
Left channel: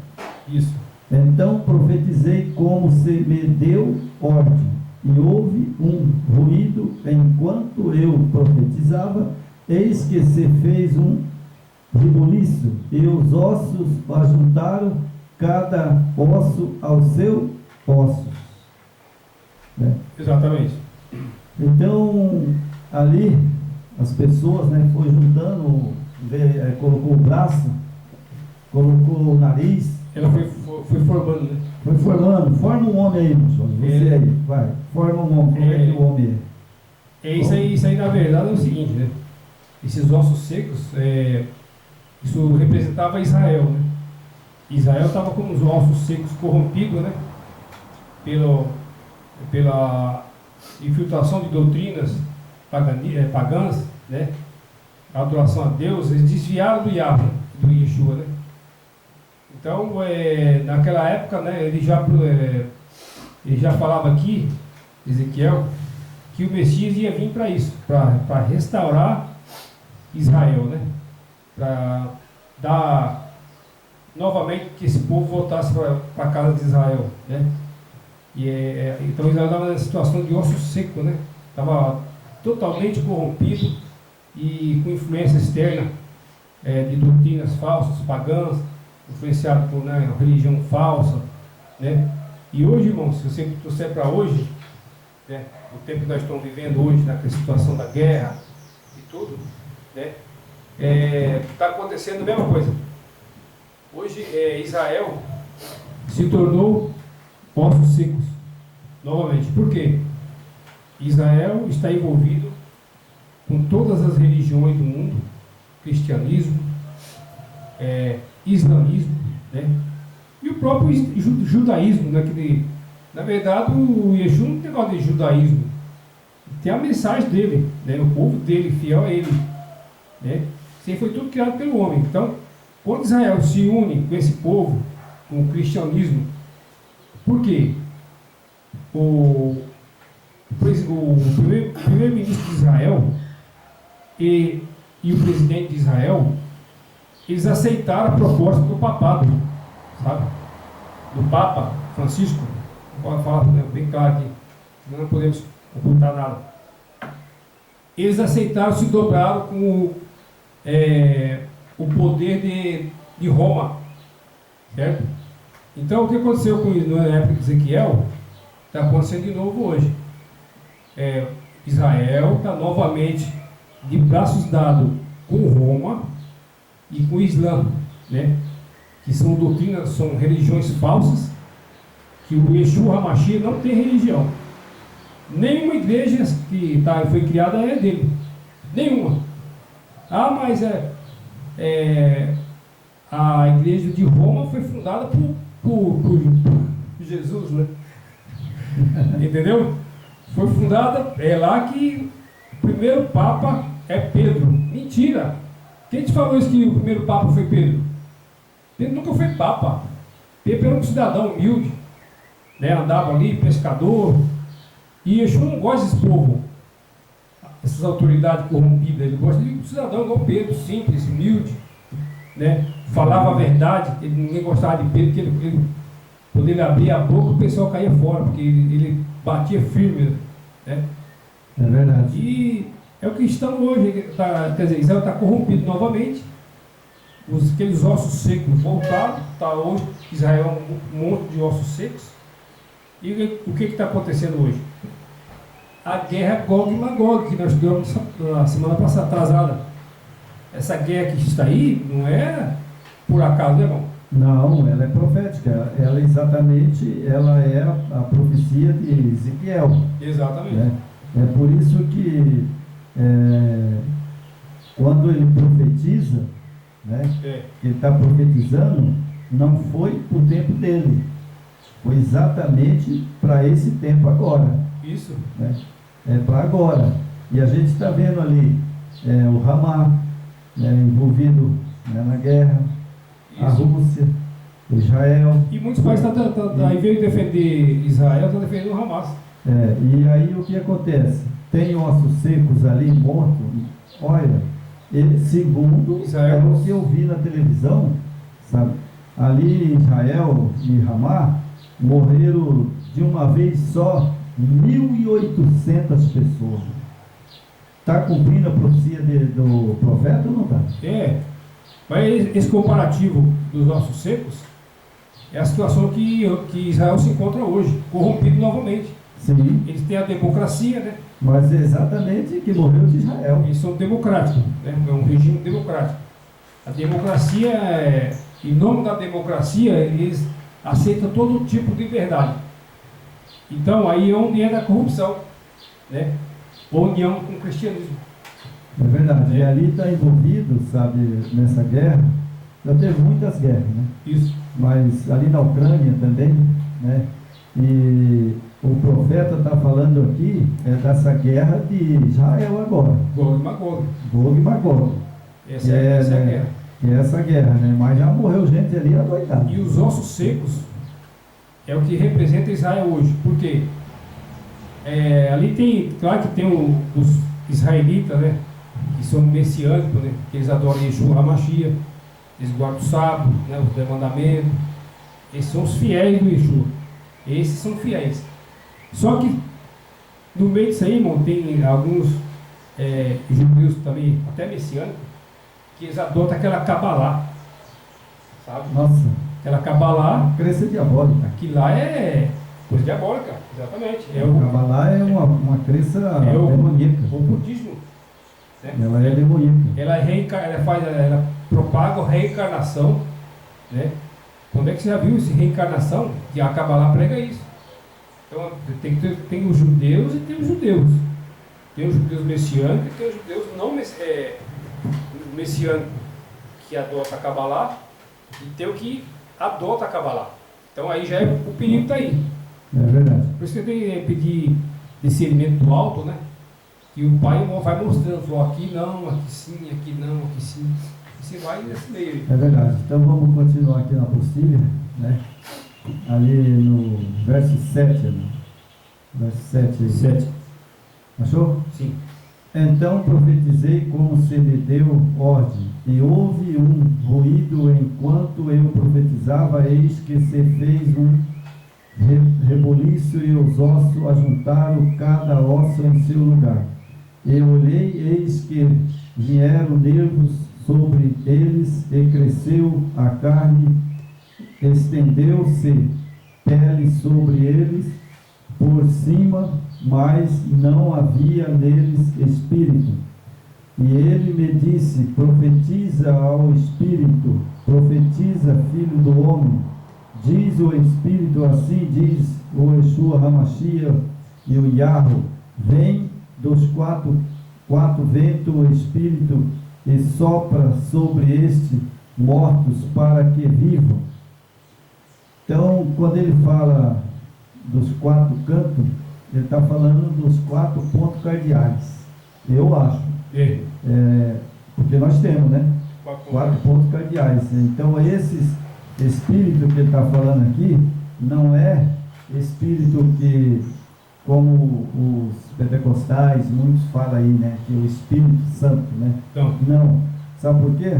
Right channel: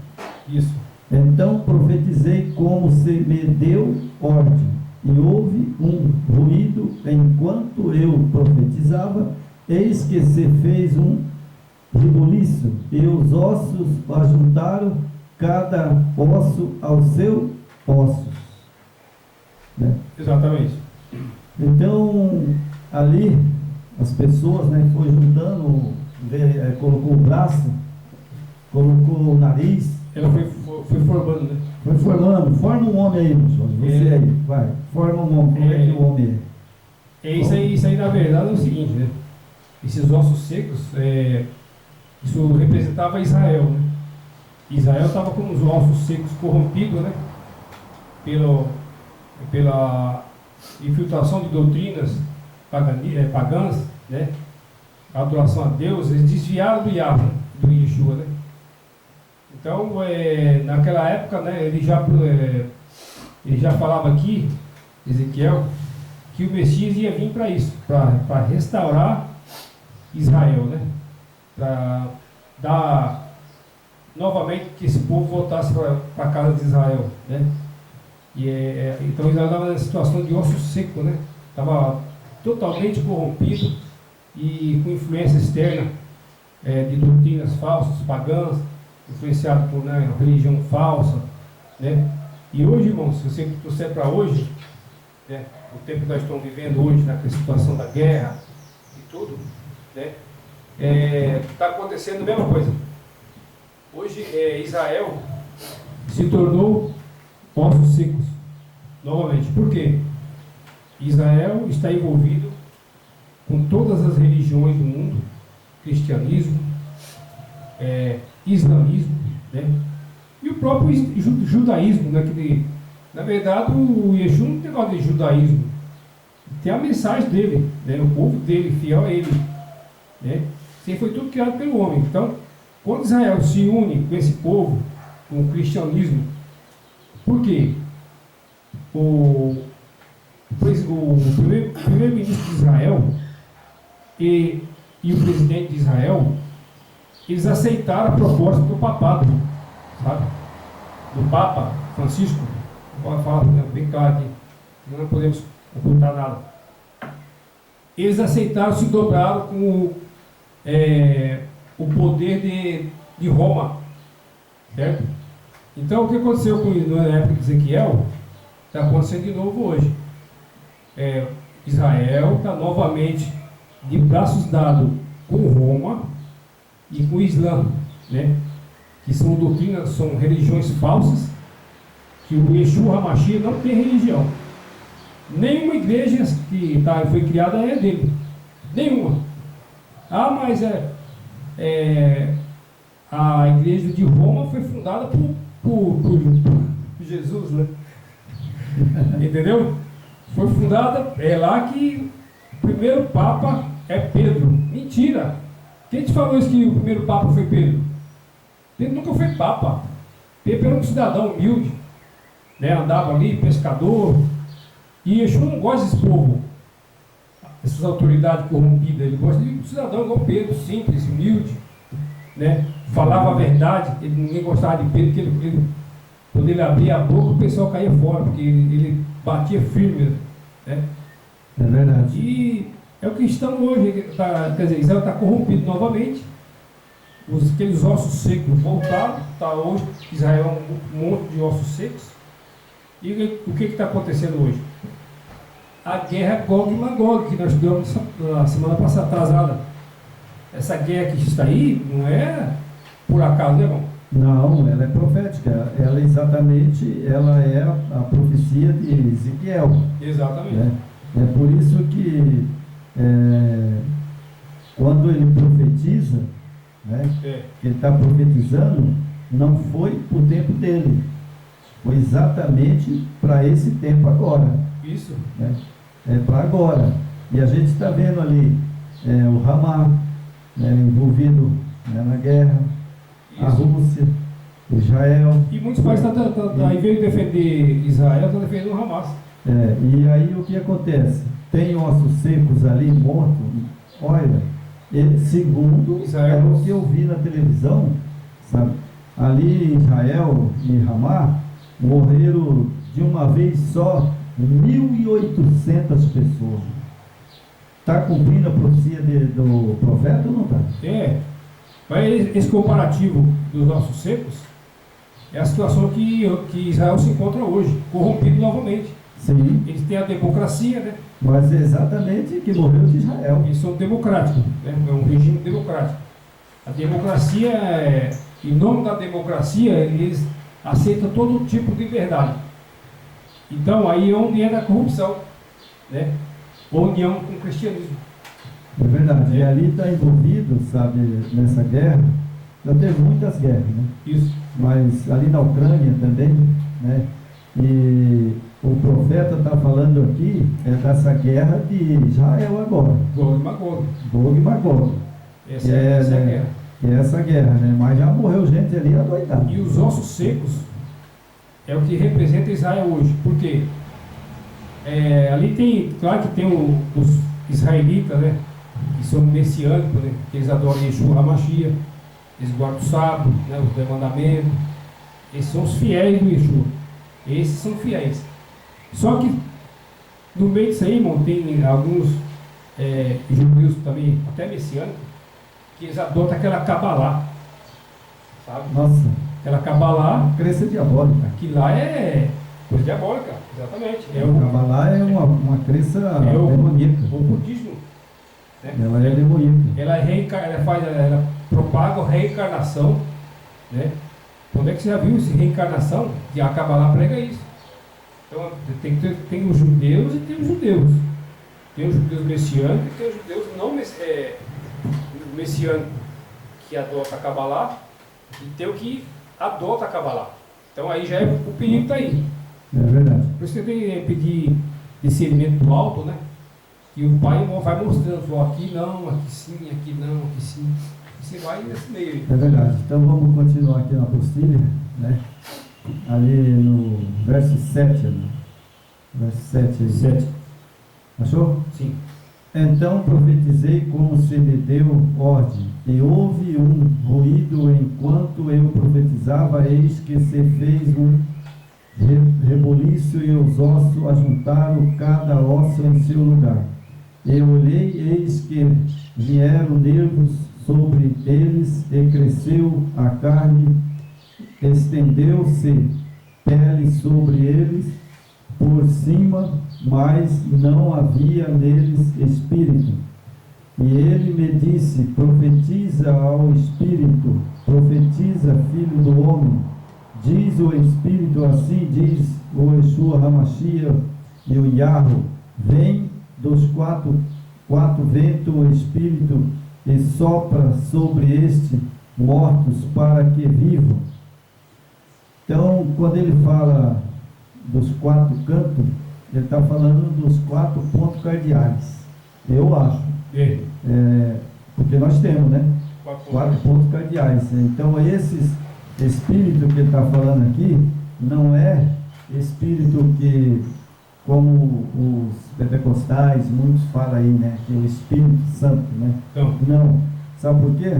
Isso. Então profetizei como se me deu ordem, e houve um ruído enquanto eu profetizava, eis que se fez um rebuliço, e os ossos ajuntaram cada osso ao seu osso. Né? Exatamente. Então ali as pessoas, né, foi juntando, colocou o braço, colocou o nariz. Ela foi formando, né? Foi formando, forma um homem aí, João. Você aí, vai, forma um homem, como é que o homem é? Isso aí na verdade é o seguinte, né? Esses ossos secos, isso representava Israel, né? Israel estava com os ossos secos corrompidos, né? Pela infiltração de doutrinas pagãs, né? A adoração a Deus, eles desviaram do Yahweh, do Yeshua, né? Então, naquela época, né, ele já falava aqui, Ezequiel, que o Messias ia vir para isso, para restaurar Israel, né? Para dar novamente que esse povo voltasse para a casa de Israel, né? Então Israel estava numa situação de osso seco, né? Estava totalmente corrompido e com influência externa de doutrinas falsas, pagãs, influenciado por religião falsa, né? E hoje, irmão, se você trouxer para hoje, né, o tempo que nós estamos vivendo hoje, naquela situação da guerra e tudo, né? Está acontecendo a mesma coisa. Hoje Israel se tornou ossos secos novamente. Por quê? Israel está envolvido com todas as religiões do mundo, cristianismo, islamismo, né? E o próprio judaísmo, né? Que, na verdade, o Yeshua não tem negócio de judaísmo, tem a mensagem dele, né? O povo dele, fiel a ele, né? Isso aí foi tudo criado pelo homem. Então, quando Israel se une com esse povo, com o cristianismo, por quê? O primeiro-ministro de Israel e o presidente de Israel, eles aceitaram a proposta do papado, sabe? Do Papa Francisco. Vou falar bem claro aqui, não podemos ocultar nada. Eles aceitaram, se dobraram com o poder de Roma, certo? Então, o que aconteceu na época de Ezequiel, está acontecendo de novo hoje. Israel está novamente de braços dados com Roma e com o Islã, né? Que são doutrinas, são religiões falsas, que o Yeshua HaMashiach não tem religião. Nenhuma igreja que foi criada é dele. Nenhuma. Mas a igreja de Roma foi fundada por Jesus, né? Entendeu? Foi fundada, lá que o primeiro Papa é Pedro. Mentira! Quem te falou isso que o primeiro Papa foi Pedro? Pedro nunca foi Papa. Pedro era um cidadão humilde, né? Andava ali, pescador. E Yeshua não gosta desse povo, essas autoridades corrompidas. Ele gosta de um cidadão igual Pedro, simples, humilde, né? Falava a verdade. Ninguém gostava de Pedro, porque quando ele abria a boca, o pessoal caía fora, porque ele batia firme, né? É verdade. E é o que estão hoje, quer dizer, Israel está corrompido novamente, aqueles ossos secos voltaram, está hoje, Israel é um monte de ossos secos. E o que está acontecendo hoje? A guerra Gog e Magog, que nós estudamos na semana passada, atrasada. Essa guerra que está aí não é por acaso, né, irmão? Não, ela é profética. Ela é a profecia de Ezequiel. Exatamente. Né? É por isso que quando ele profetiza, né, que ele está profetizando, não foi para o tempo dele. Foi exatamente para esse tempo agora. Isso. Né? É para agora. E a gente está vendo ali o Hamas, né, envolvido, né, na guerra. Isso. A Rússia, Israel. E muitos países em vez de defender Israel, estão defendendo o Hamas. E aí o que acontece? Tem ossos secos ali, mortos. Olha, segundo Israel, o que eu vi na televisão, sabe? Ali Israel e Hamas morreram de uma vez só 1.800 pessoas. Está cumprindo a profecia do profeta ou não está? Mas esse comparativo dos ossos secos é a situação que Israel se encontra hoje, corrompido novamente. Sim. Eles têm a democracia, né? Mas é exatamente que morreu de Israel. Eles são democráticos, né? É um regime democrático. A democracia, em nome da democracia, aceita todo tipo de liberdade. Então aí é onde entra a corrupção, né? Ou união com o cristianismo. É verdade. E ali está envolvido, sabe, nessa guerra. Já teve muitas guerras, né? Isso. Mas ali na Ucrânia também, né? E o profeta está falando aqui dessa guerra de Israel agora. Gog e Magog. Gog e Magog. Essa é a né, guerra. Que é essa guerra, né? Mas já morreu gente ali adoidada. E os ossos secos é o que representa Israel hoje. Por quê? Ali tem, claro que tem os israelitas, né? Que são messiânicos, né? Que eles adoram Yeshua HaMashiach, eles guardam o sábado, né? Os 10 mandamentos. Esses são os fiéis do Yeshua. Esses são fiéis. Só que no meio disso aí, irmão, tem alguns judeus também, até messiânicos, que eles adotam aquela Kabbalah, sabe? Nossa, Aquela Kabbalah, crença diabólica. aquilo lá é coisa diabólica, exatamente. A Kabbalah é uma crença demoníaca. O budismo, né? Ela é demoníaca. Ela propaga a reencarnação, né? Quando é que você já viu essa reencarnação? Que a Kabbalah prega isso. Então tem os judeus e tem os judeus. Tem os judeus messiânicos e tem os judeus não messiânicos que adotam a Kabbalah e tem o que adota a Kabbalah. Então aí já o perigo está aí. É verdade. Por isso que tem que pedir discernimento do alto, né? Que o pai vai mostrando, falou aqui não, aqui sim, aqui não, aqui sim. E você vai nesse meio aí. É verdade. Então vamos continuar aqui na apostila, né? Ali no verso 7. Ali. Verso 7 aí. 7. Achou? Sim. Então profetizei como se me deu ordem, e houve um ruído enquanto eu profetizava, eis que se fez um reboliço e os ossos ajuntaram cada osso em seu lugar. Eu olhei, eis que vieram nervos sobre eles, e cresceu a carne, estendeu-se pele sobre eles por cima, mas não havia neles espírito. E ele me disse: profetiza ao espírito, profetiza, filho do homem. Diz o espírito, assim diz o Yeshua HaMashiach e o Yahweh: vem dos quatro ventos o espírito e sopra sobre estes mortos para que vivam. Então, quando ele fala dos 4 cantos, ele está falando dos 4 pontos cardeais, eu acho. Porque nós temos, né? 4 pontos cardeais. Então, esses espíritos que ele está falando aqui, não é espírito que, como os pentecostais, muitos falam aí, né? Que é o Espírito Santo, né? Não. Sabe por quê?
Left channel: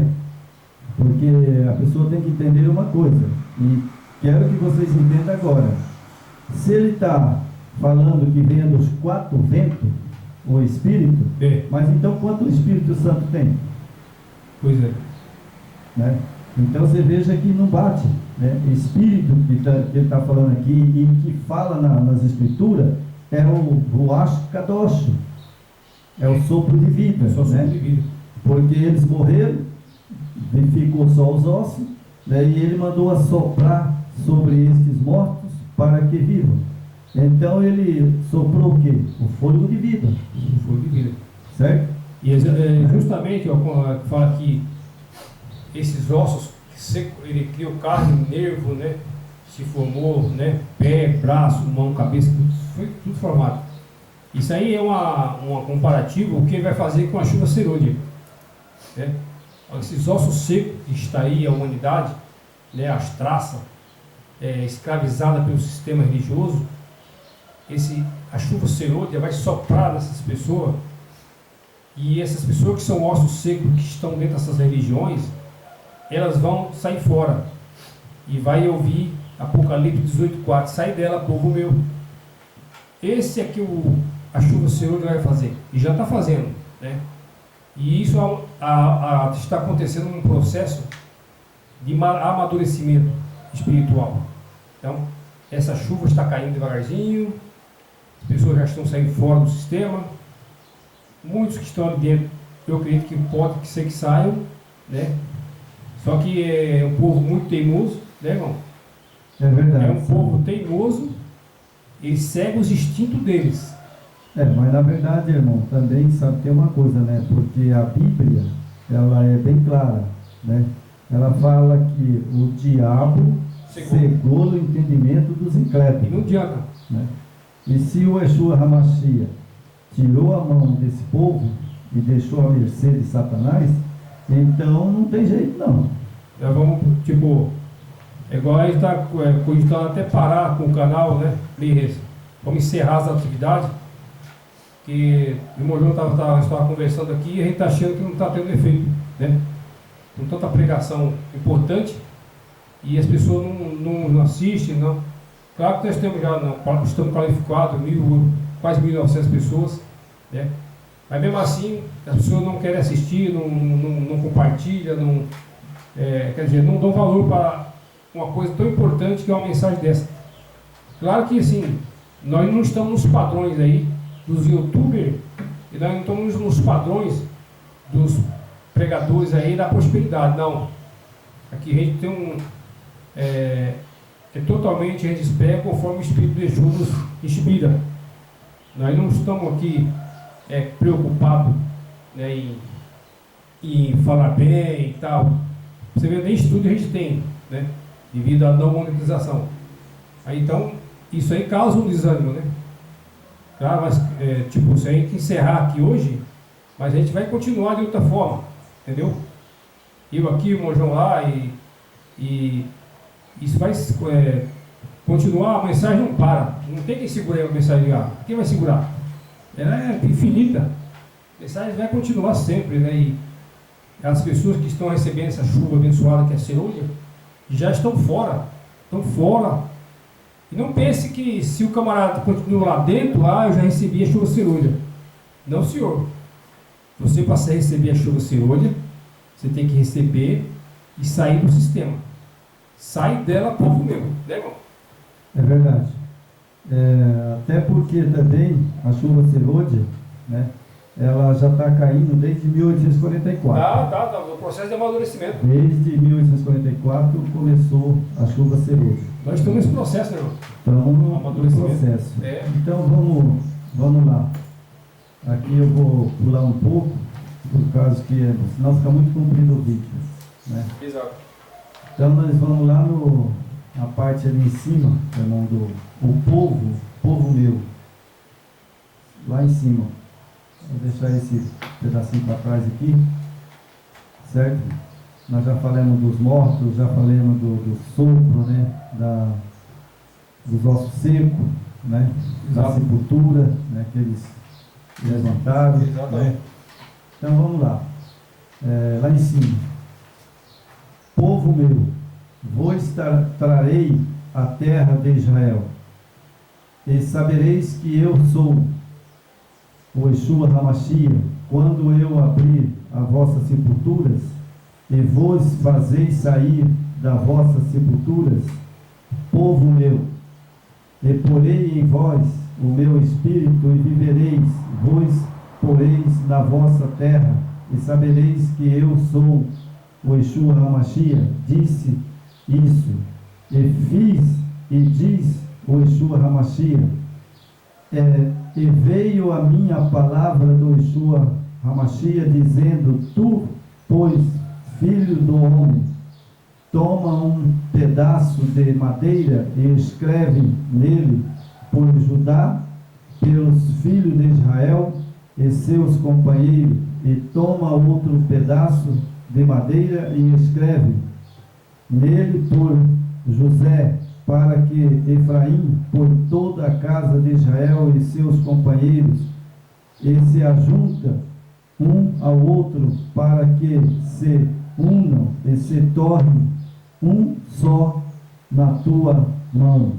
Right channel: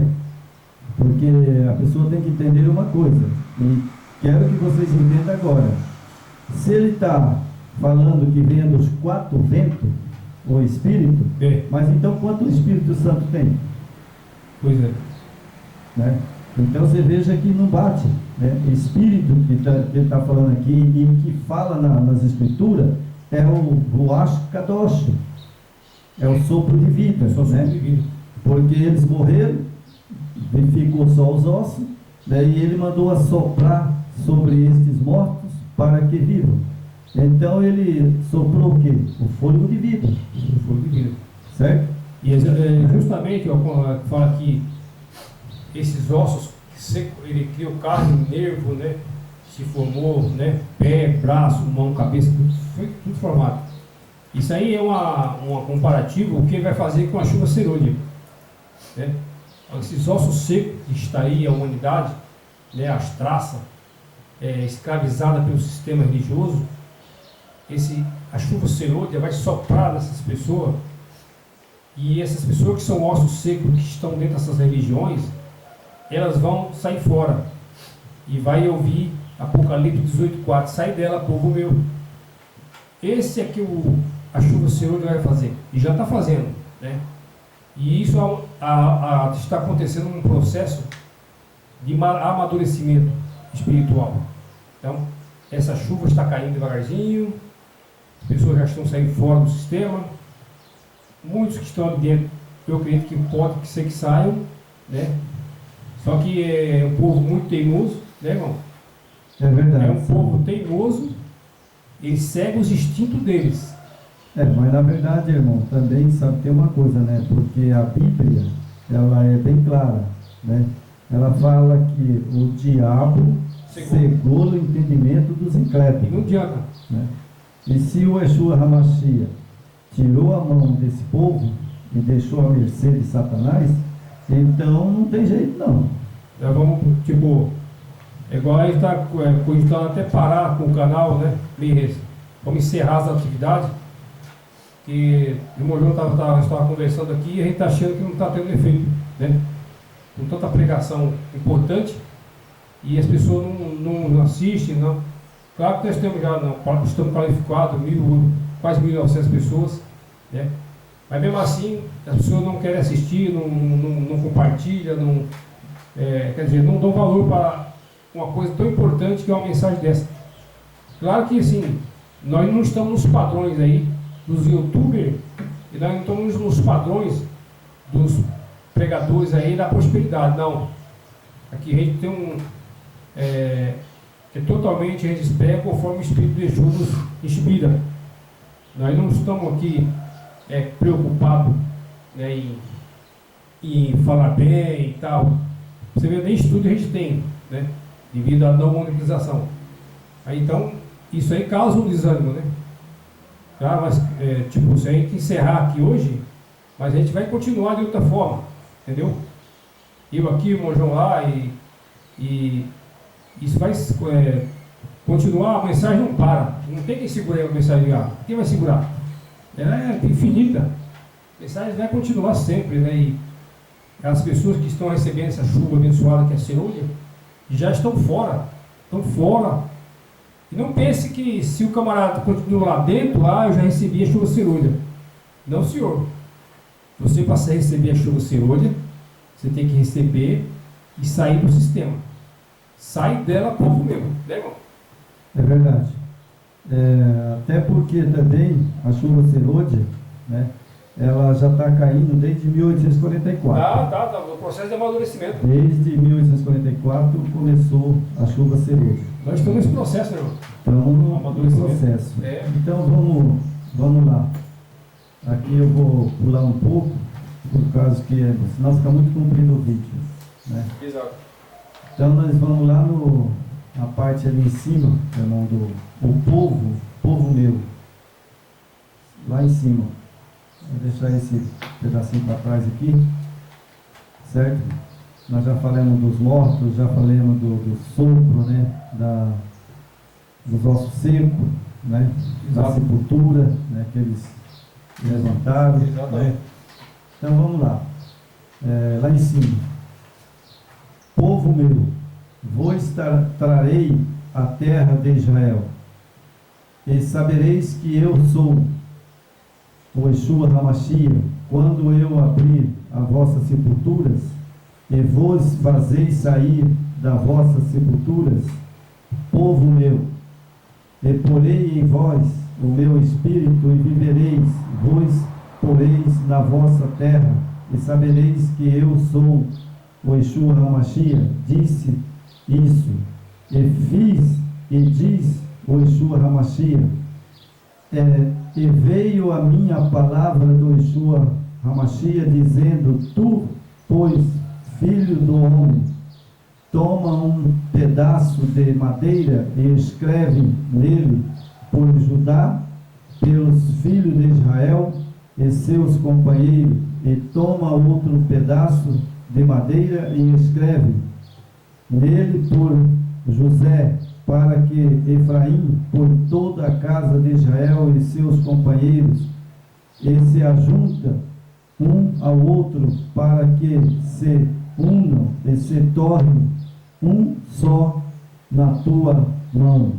Porque a pessoa tem que entender uma coisa, e quero que vocês entendam agora. Se ele está falando que vem dos 4 ventos, o Espírito, mas então quanto o Espírito Santo tem? Pois é. Né? Então você veja que não bate, né? Espírito que ele está falando aqui e que fala nas Escrituras é o Ruach Kadosh, é o sopro de vida, É só sopro né? de vida. Porque eles morreram, ficou só os ossos, né? E ele mandou assoprar sobre estes mortos para que vivam. Então ele soprou o quê? O fôlego de vida. O fôlego de vida. Certo? E justamente, fala que esses ossos seco, ele criou carne, nervo, né? Se formou, né? Pé, braço, mão, cabeça, foi tudo formado. Isso aí é uma comparativa, o que ele vai fazer com a chuva serôdia, né? Esses ossos secos que está aí, a humanidade, né? As traças, escravizada pelo sistema religioso, a chuva serôdia vai soprar nessas pessoas, e essas pessoas que são ossos secos, que estão dentro dessas religiões, elas vão sair fora, e vai ouvir Apocalipse 18:4, sai dela, povo meu. Esse é que a chuva serôdia vai fazer, e já está fazendo, né? E isso está acontecendo num processo de amadurecimento espiritual. Então, essa chuva está caindo devagarzinho, as pessoas já estão saindo fora do sistema, muitos que estão ali dentro, eu acredito que pode ser que saiam, né? Só que é um povo muito teimoso, né, irmão? É verdade. É um povo teimoso, eles seguem os instintos deles. Mas na verdade, irmão, também sabe, tem uma coisa, né? Porque a Bíblia, ela é bem clara, né? Ela fala que o diabo cegou o entendimento dos incrédulos. E não adianta. Né? E se o Yeshua HaMashiach tirou a mão desse povo e deixou a mercê de Satanás, então não tem jeito não. Nós vamos, tipo, igual a gente está cogitando até parar com o canal, né? Vamos encerrar as atividades. Que o irmão João estava conversando aqui e a gente está achando que não está tendo efeito, né? Com tanta pregação importante e as pessoas não assistem, não. Claro que nós temos já, estamos qualificados, quase 1.900 pessoas, né? Mas mesmo assim, as pessoas não querem assistir, não compartilham, quer dizer, não dão valor para uma coisa tão importante que é uma mensagem dessa. Claro que assim, nós não estamos nos padrões aí dos youtubers e nós não estamos nos padrões dos pregadores aí da prosperidade, não. Aqui a gente tem totalmente a gente espera conforme o Espírito de Jesus nos inspira. Nós não estamos aqui preocupados, né, em falar bem e tal. Você vê, nem estudo a gente tem, né, devido à não monetização. Aí, então, isso aí causa um desânimo, né? Tá, mas, se a gente encerrar aqui hoje, mas a gente vai continuar de outra forma, entendeu? Eu aqui, o Mojão lá, e isso vai continuar, a mensagem não para. Não tem quem segure a mensagem lá. Quem vai segurar? Ela é infinita. A mensagem vai continuar sempre, né? E as pessoas que estão recebendo essa chuva abençoada que é a cerulha, já estão fora. Estão fora. E não pense que se o camarada continua lá dentro, eu já recebi a chuva cerulha. Não, senhor. Você, para receber a chuva cerulha, você tem que receber e sair do sistema. Sai dela, povo meu. Né, irmão? É verdade. Até porque também a chuva cerúlea, né, ela já está caindo desde 1844. Tá. O processo de amadurecimento. Desde 1844 começou a chuva cerúlea. Nós estamos nesse processo, né, irmão? Estamos no processo. Então vamos lá. Aqui eu vou pular um pouco, por causa que senão fica muito comprido o vídeo, né? Exato. Então nós vamos lá na parte ali em cima, irmão, o povo meu. Lá em cima. Vou deixar esse pedacinho para trás aqui. Certo? Nós já falamos dos mortos, já falamos do sopro, né? Dos ossos secos, né? Da sepultura, né? Que eles levantaram. Né? Então vamos lá. Lá em cima. Povo meu, vos trarei a terra de Israel, e sabereis que eu sou o Yeshua HaMashiach, quando eu abrir as vossas sepulturas, e vos fazeis sair das vossas sepulturas, povo meu, e porei em vós o meu espírito, e vivereis, vos poreis na vossa terra, e sabereis que eu sou o Yeshua HaMashiach. Disse isso, e fiz, e diz o Yeshua HaMashiach. E veio a minha palavra do Yeshua HaMashiach, dizendo: tu, pois, filho do homem, toma um pedaço de madeira e escreve nele por Judá, pelos filhos de Israel e seus companheiros, e toma outro pedaço de madeira e escreve nele por José, para que Efraim, por toda a casa de Israel e seus companheiros, e se ajunta um ao outro, para que se unam e se tornem um só na tua mão.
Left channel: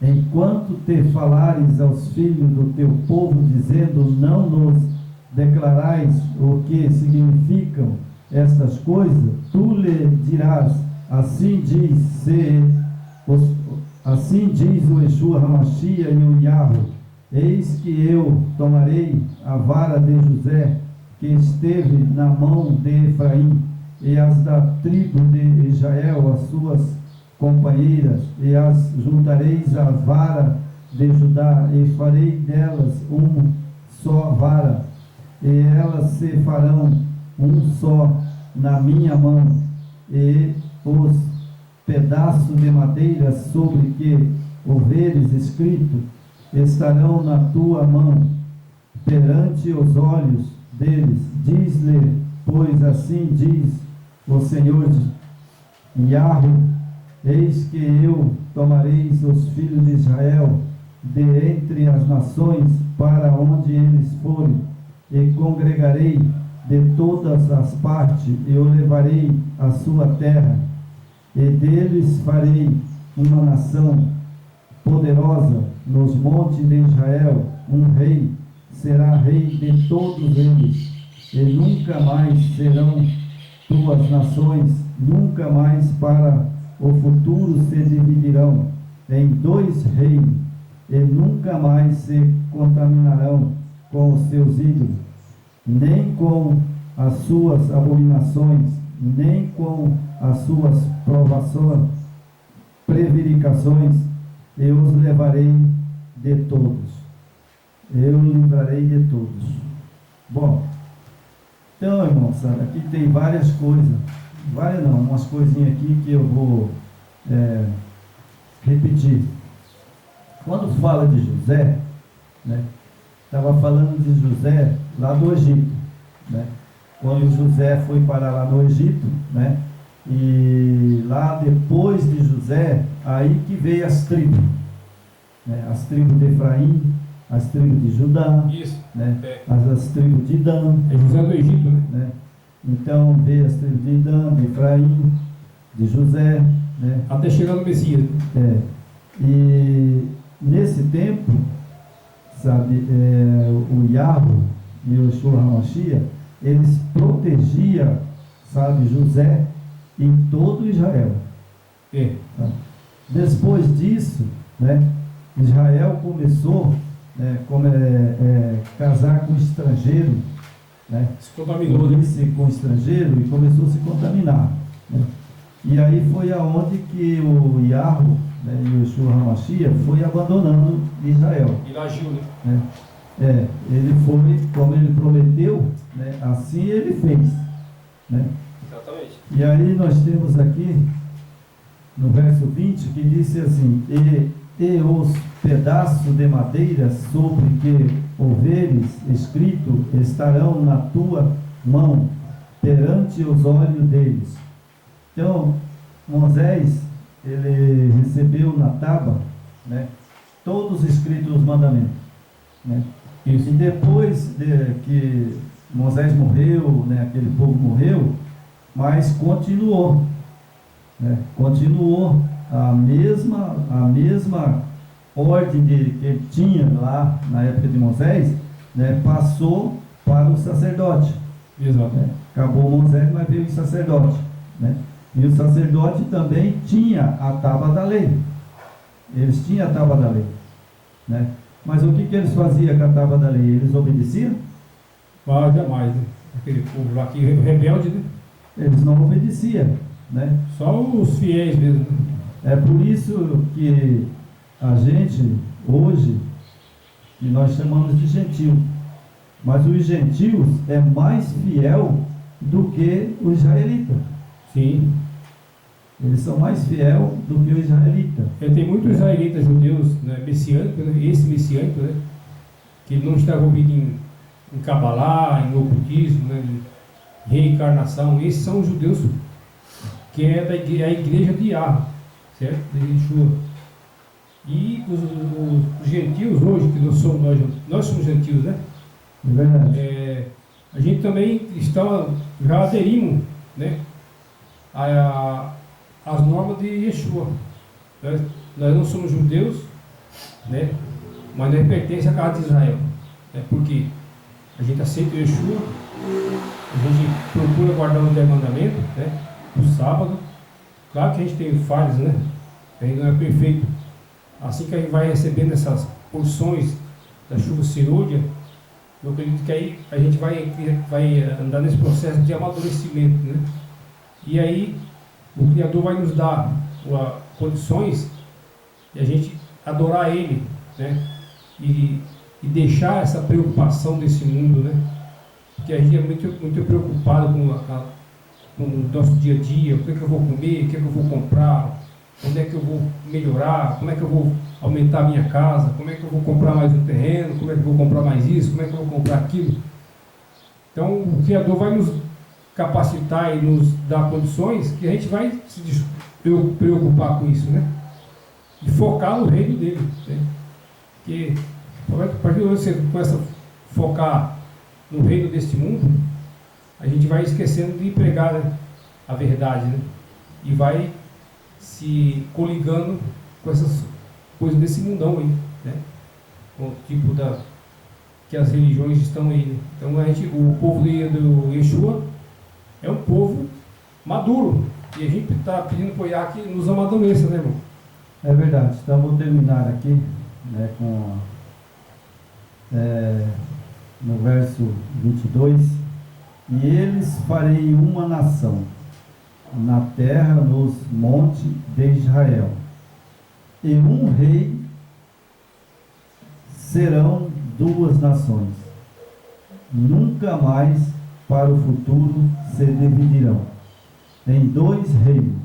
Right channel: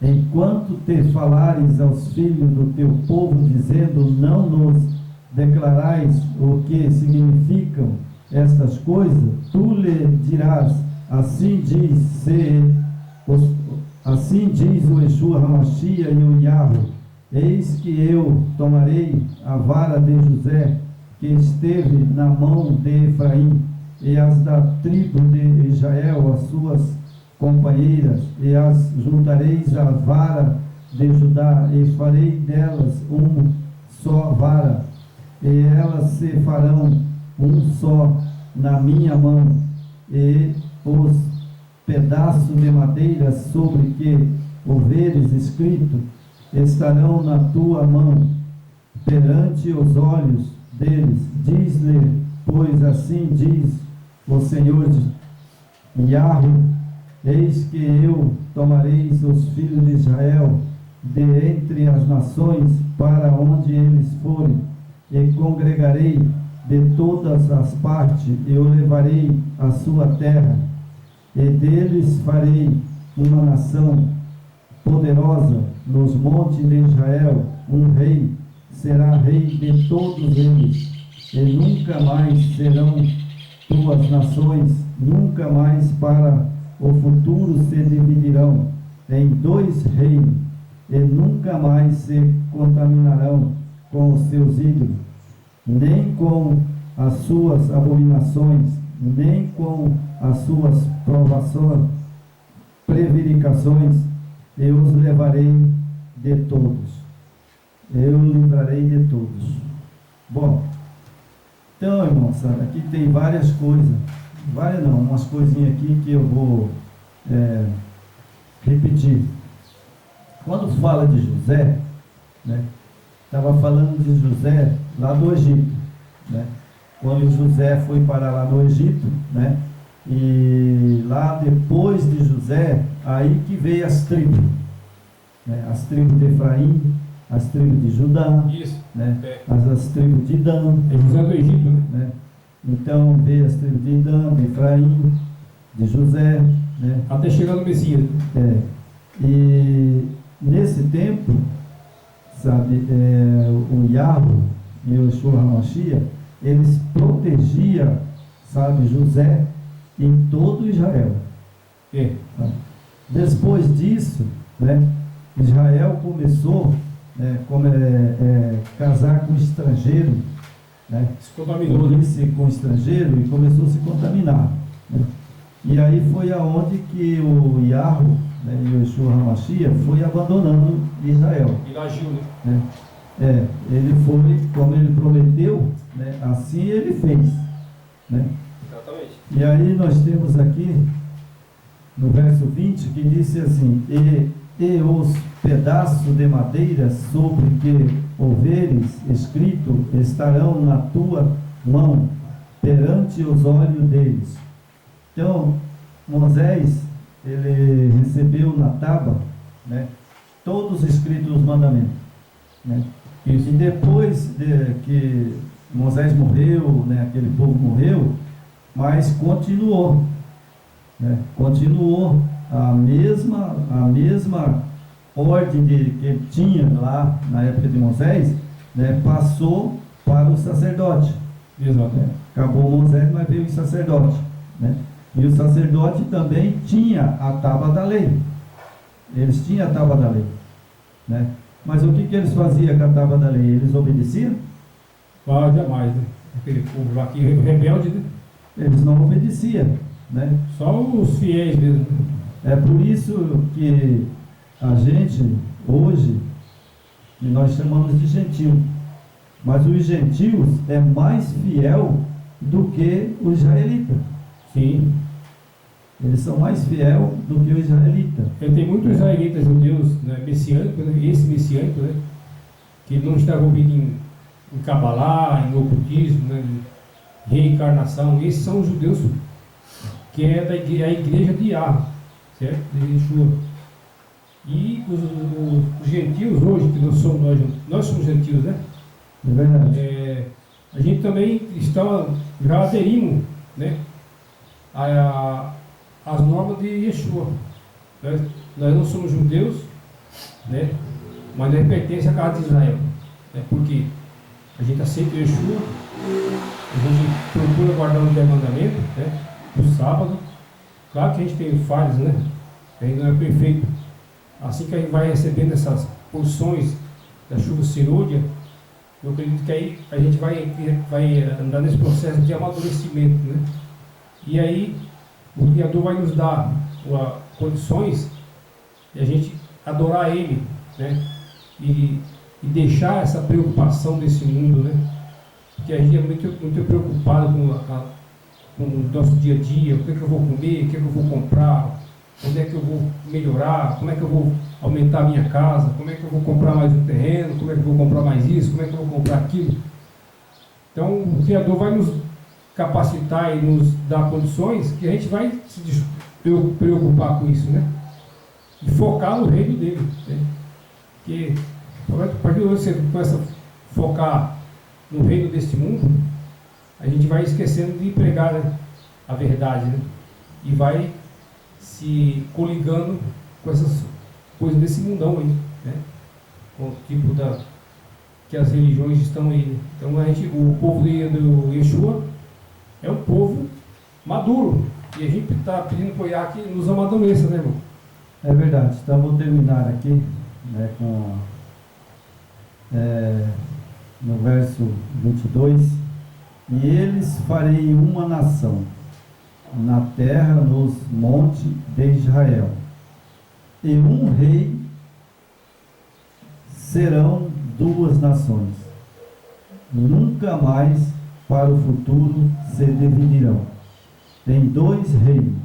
Enquanto te falares aos filhos do teu povo, dizendo: não nos declarais o que significam estas coisas, tu lhe dirás: assim diz o Yeshua HaMashiach e o Yahweh: eis que eu tomarei a vara de José, que esteve na mão de Efraim, e as da tribo de Israel, as suas companheiras, e as juntareis à vara de Judá, e farei delas uma só vara, e elas se farão um só na minha mão, e os pedaços de madeira sobre que houveres escrito estarão na tua mão, perante os olhos deles. Diz-lhe, pois assim diz o Senhor Yahweh: eis que eu tomareis os filhos de Israel de entre as nações para onde eles forem, e congregarei de todas as partes, e o levarei à sua terra, e deles farei uma nação poderosa nos montes de Israel. Um rei será rei de todos eles, e nunca mais serão tuas nações, nunca mais para o futuro se dividirão em dois reinos, e nunca mais se contaminarão com os seus ídolos, nem com as suas abominações, nem com as suas provações, prevaricações. Eu os levarei de todos. Eu livrarei de todos. Bom, então, irmãos, sabe, aqui tem várias coisas. Várias não, umas coisinhas aqui que eu vou repetir. Quando fala de José, né, estava falando de José lá do Egito, né? Quando José foi parar lá no Egito, né? E lá depois de José, aí que veio as tribos, né? As tribos de Efraim, as tribos de Judá, né? As tribos de Dan. É José do Egito, né? Então veio as tribos de Dan, de Efraim, de José, né? Até chegar no Messias. E nesse tempo, sabe, o Yahweh e o Yeshua HaMashiach, eles protegiam, sabe, José em todo Israel. Sabe? Depois disso, né, Israel começou casar com estrangeiro, né, se contaminou, né? Com estrangeiro, e começou a se contaminar, né? E aí foi aonde que o Yahweh, né, e o Yeshua HaMashiach foi abandonando Israel. Ele agiu, né? Ele foi, como ele prometeu, né, assim ele fez, né? Exatamente. E aí nós temos aqui, no verso 20, que disse assim: e os pedaços de madeira sobre que houveres escrito estarão na tua mão, perante os olhos deles. Então, Moisés, ele recebeu na tábua, né, todos escritos os mandamentos, né? Isso. E depois de que Moisés morreu, né, aquele povo morreu, mas continuou, né? Continuou a mesma ordem que tinha lá na época de Moisés, né, passou para o sacerdote. Exato. Né? Acabou Moisés, mas veio o sacerdote, né? E o sacerdote também tinha a tábua da lei. Eles tinham a tábua da lei, né? Mas o que eles faziam com a tábua da lei? Eles obedeciam? Jamais, né? Aquele povo lá que rebelde, né? Eles não obedeciam, né? Só os fiéis mesmo, né? É por isso que a gente, hoje, que nós chamamos de gentil, mas os gentios é mais fiel do que o israelita. Sim. Eles são mais fiel do que o israelita. Tem muitos israelitas judeus, né, messiânicos, né, esse messiânico, né, que não está envolvido em Cabalá, em ocultismo, né, em reencarnação. Esses são os judeus que é da igreja de Yahweh, certo? De Yeshua. E os gentios hoje, que nós somos gentios, né? É verdade. A gente também já aderimos, né, as normas de Yeshua. Nós não somos judeus, né, mas nós pertencemos à casa de Israel, né, porque a gente aceita o Yeshua, a gente procura guardar os 10 mandamentos, né, o sábado. Claro que a gente tem falhas, né, a gente não é perfeito. Assim que a gente vai recebendo essas porções da chuva serôdia, eu acredito que aí a gente vai andar nesse processo de amadurecimento, né? E aí o Criador vai nos dar condições de a gente adorar Ele, né? E deixar essa preocupação desse mundo, né? Porque a gente é muito preocupado com o nosso dia a dia, o que eu vou comer, o que eu vou comprar, onde é que eu vou melhorar, como é que eu vou aumentar a minha casa, como é que eu vou comprar mais um terreno, como é que eu vou comprar mais isso, como é que eu vou comprar aquilo. Então o Criador vai nos capacitar e nos dar condições que a gente vai se preocupar com isso, né? E focar no reino dele, né? Porque a partir do momento que você começa a focar no reino deste mundo, a gente vai esquecendo de pregar, né, a verdade, né? E vai se coligando com essas coisas desse mundão aí, né? Com o tipo que as religiões estão aí, né? Então o povo do Yeshua é um povo maduro, e a gente está pedindo para o Iá que nos amadureça, né, irmão? É verdade. Então vou terminar aqui, né, no verso 22. E eles farei uma nação na terra, nos montes de Israel, e um rei serão duas nações, nunca mais para o futuro se dividirão em dois reinos,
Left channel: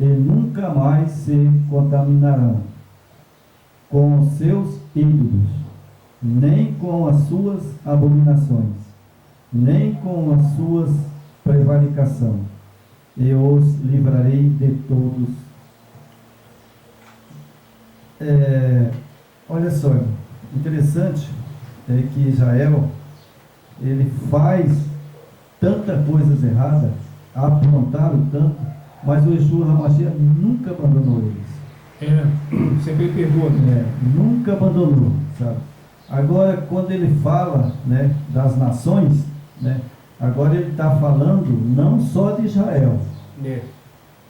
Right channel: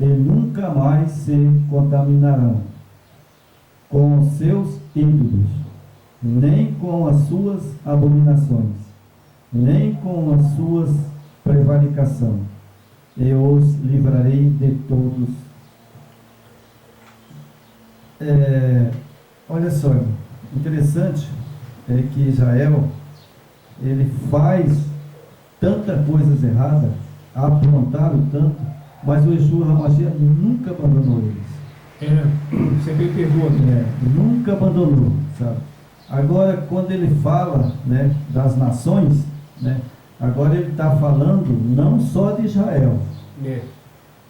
e nunca mais se contaminarão com os seus ídolos, nem com as suas abominações, nem com as suas prevaricação. Eu os livrarei de todos. Olha só, interessante é que Israel, ele faz tanta coisas erradas, aprontaram tanto, mas o Yeshua HaMashiach nunca abandonou eles. Sempre perdoa, né? Nunca abandonou, sabe? Agora, quando ele fala, né, das nações, né, agora ele está falando não só de Israel.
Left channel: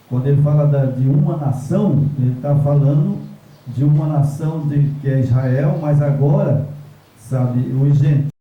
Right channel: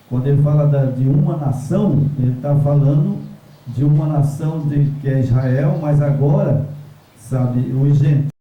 Quando ele fala de uma nação, ele está falando de uma nação que é Israel, mas agora, sabe, os gentios.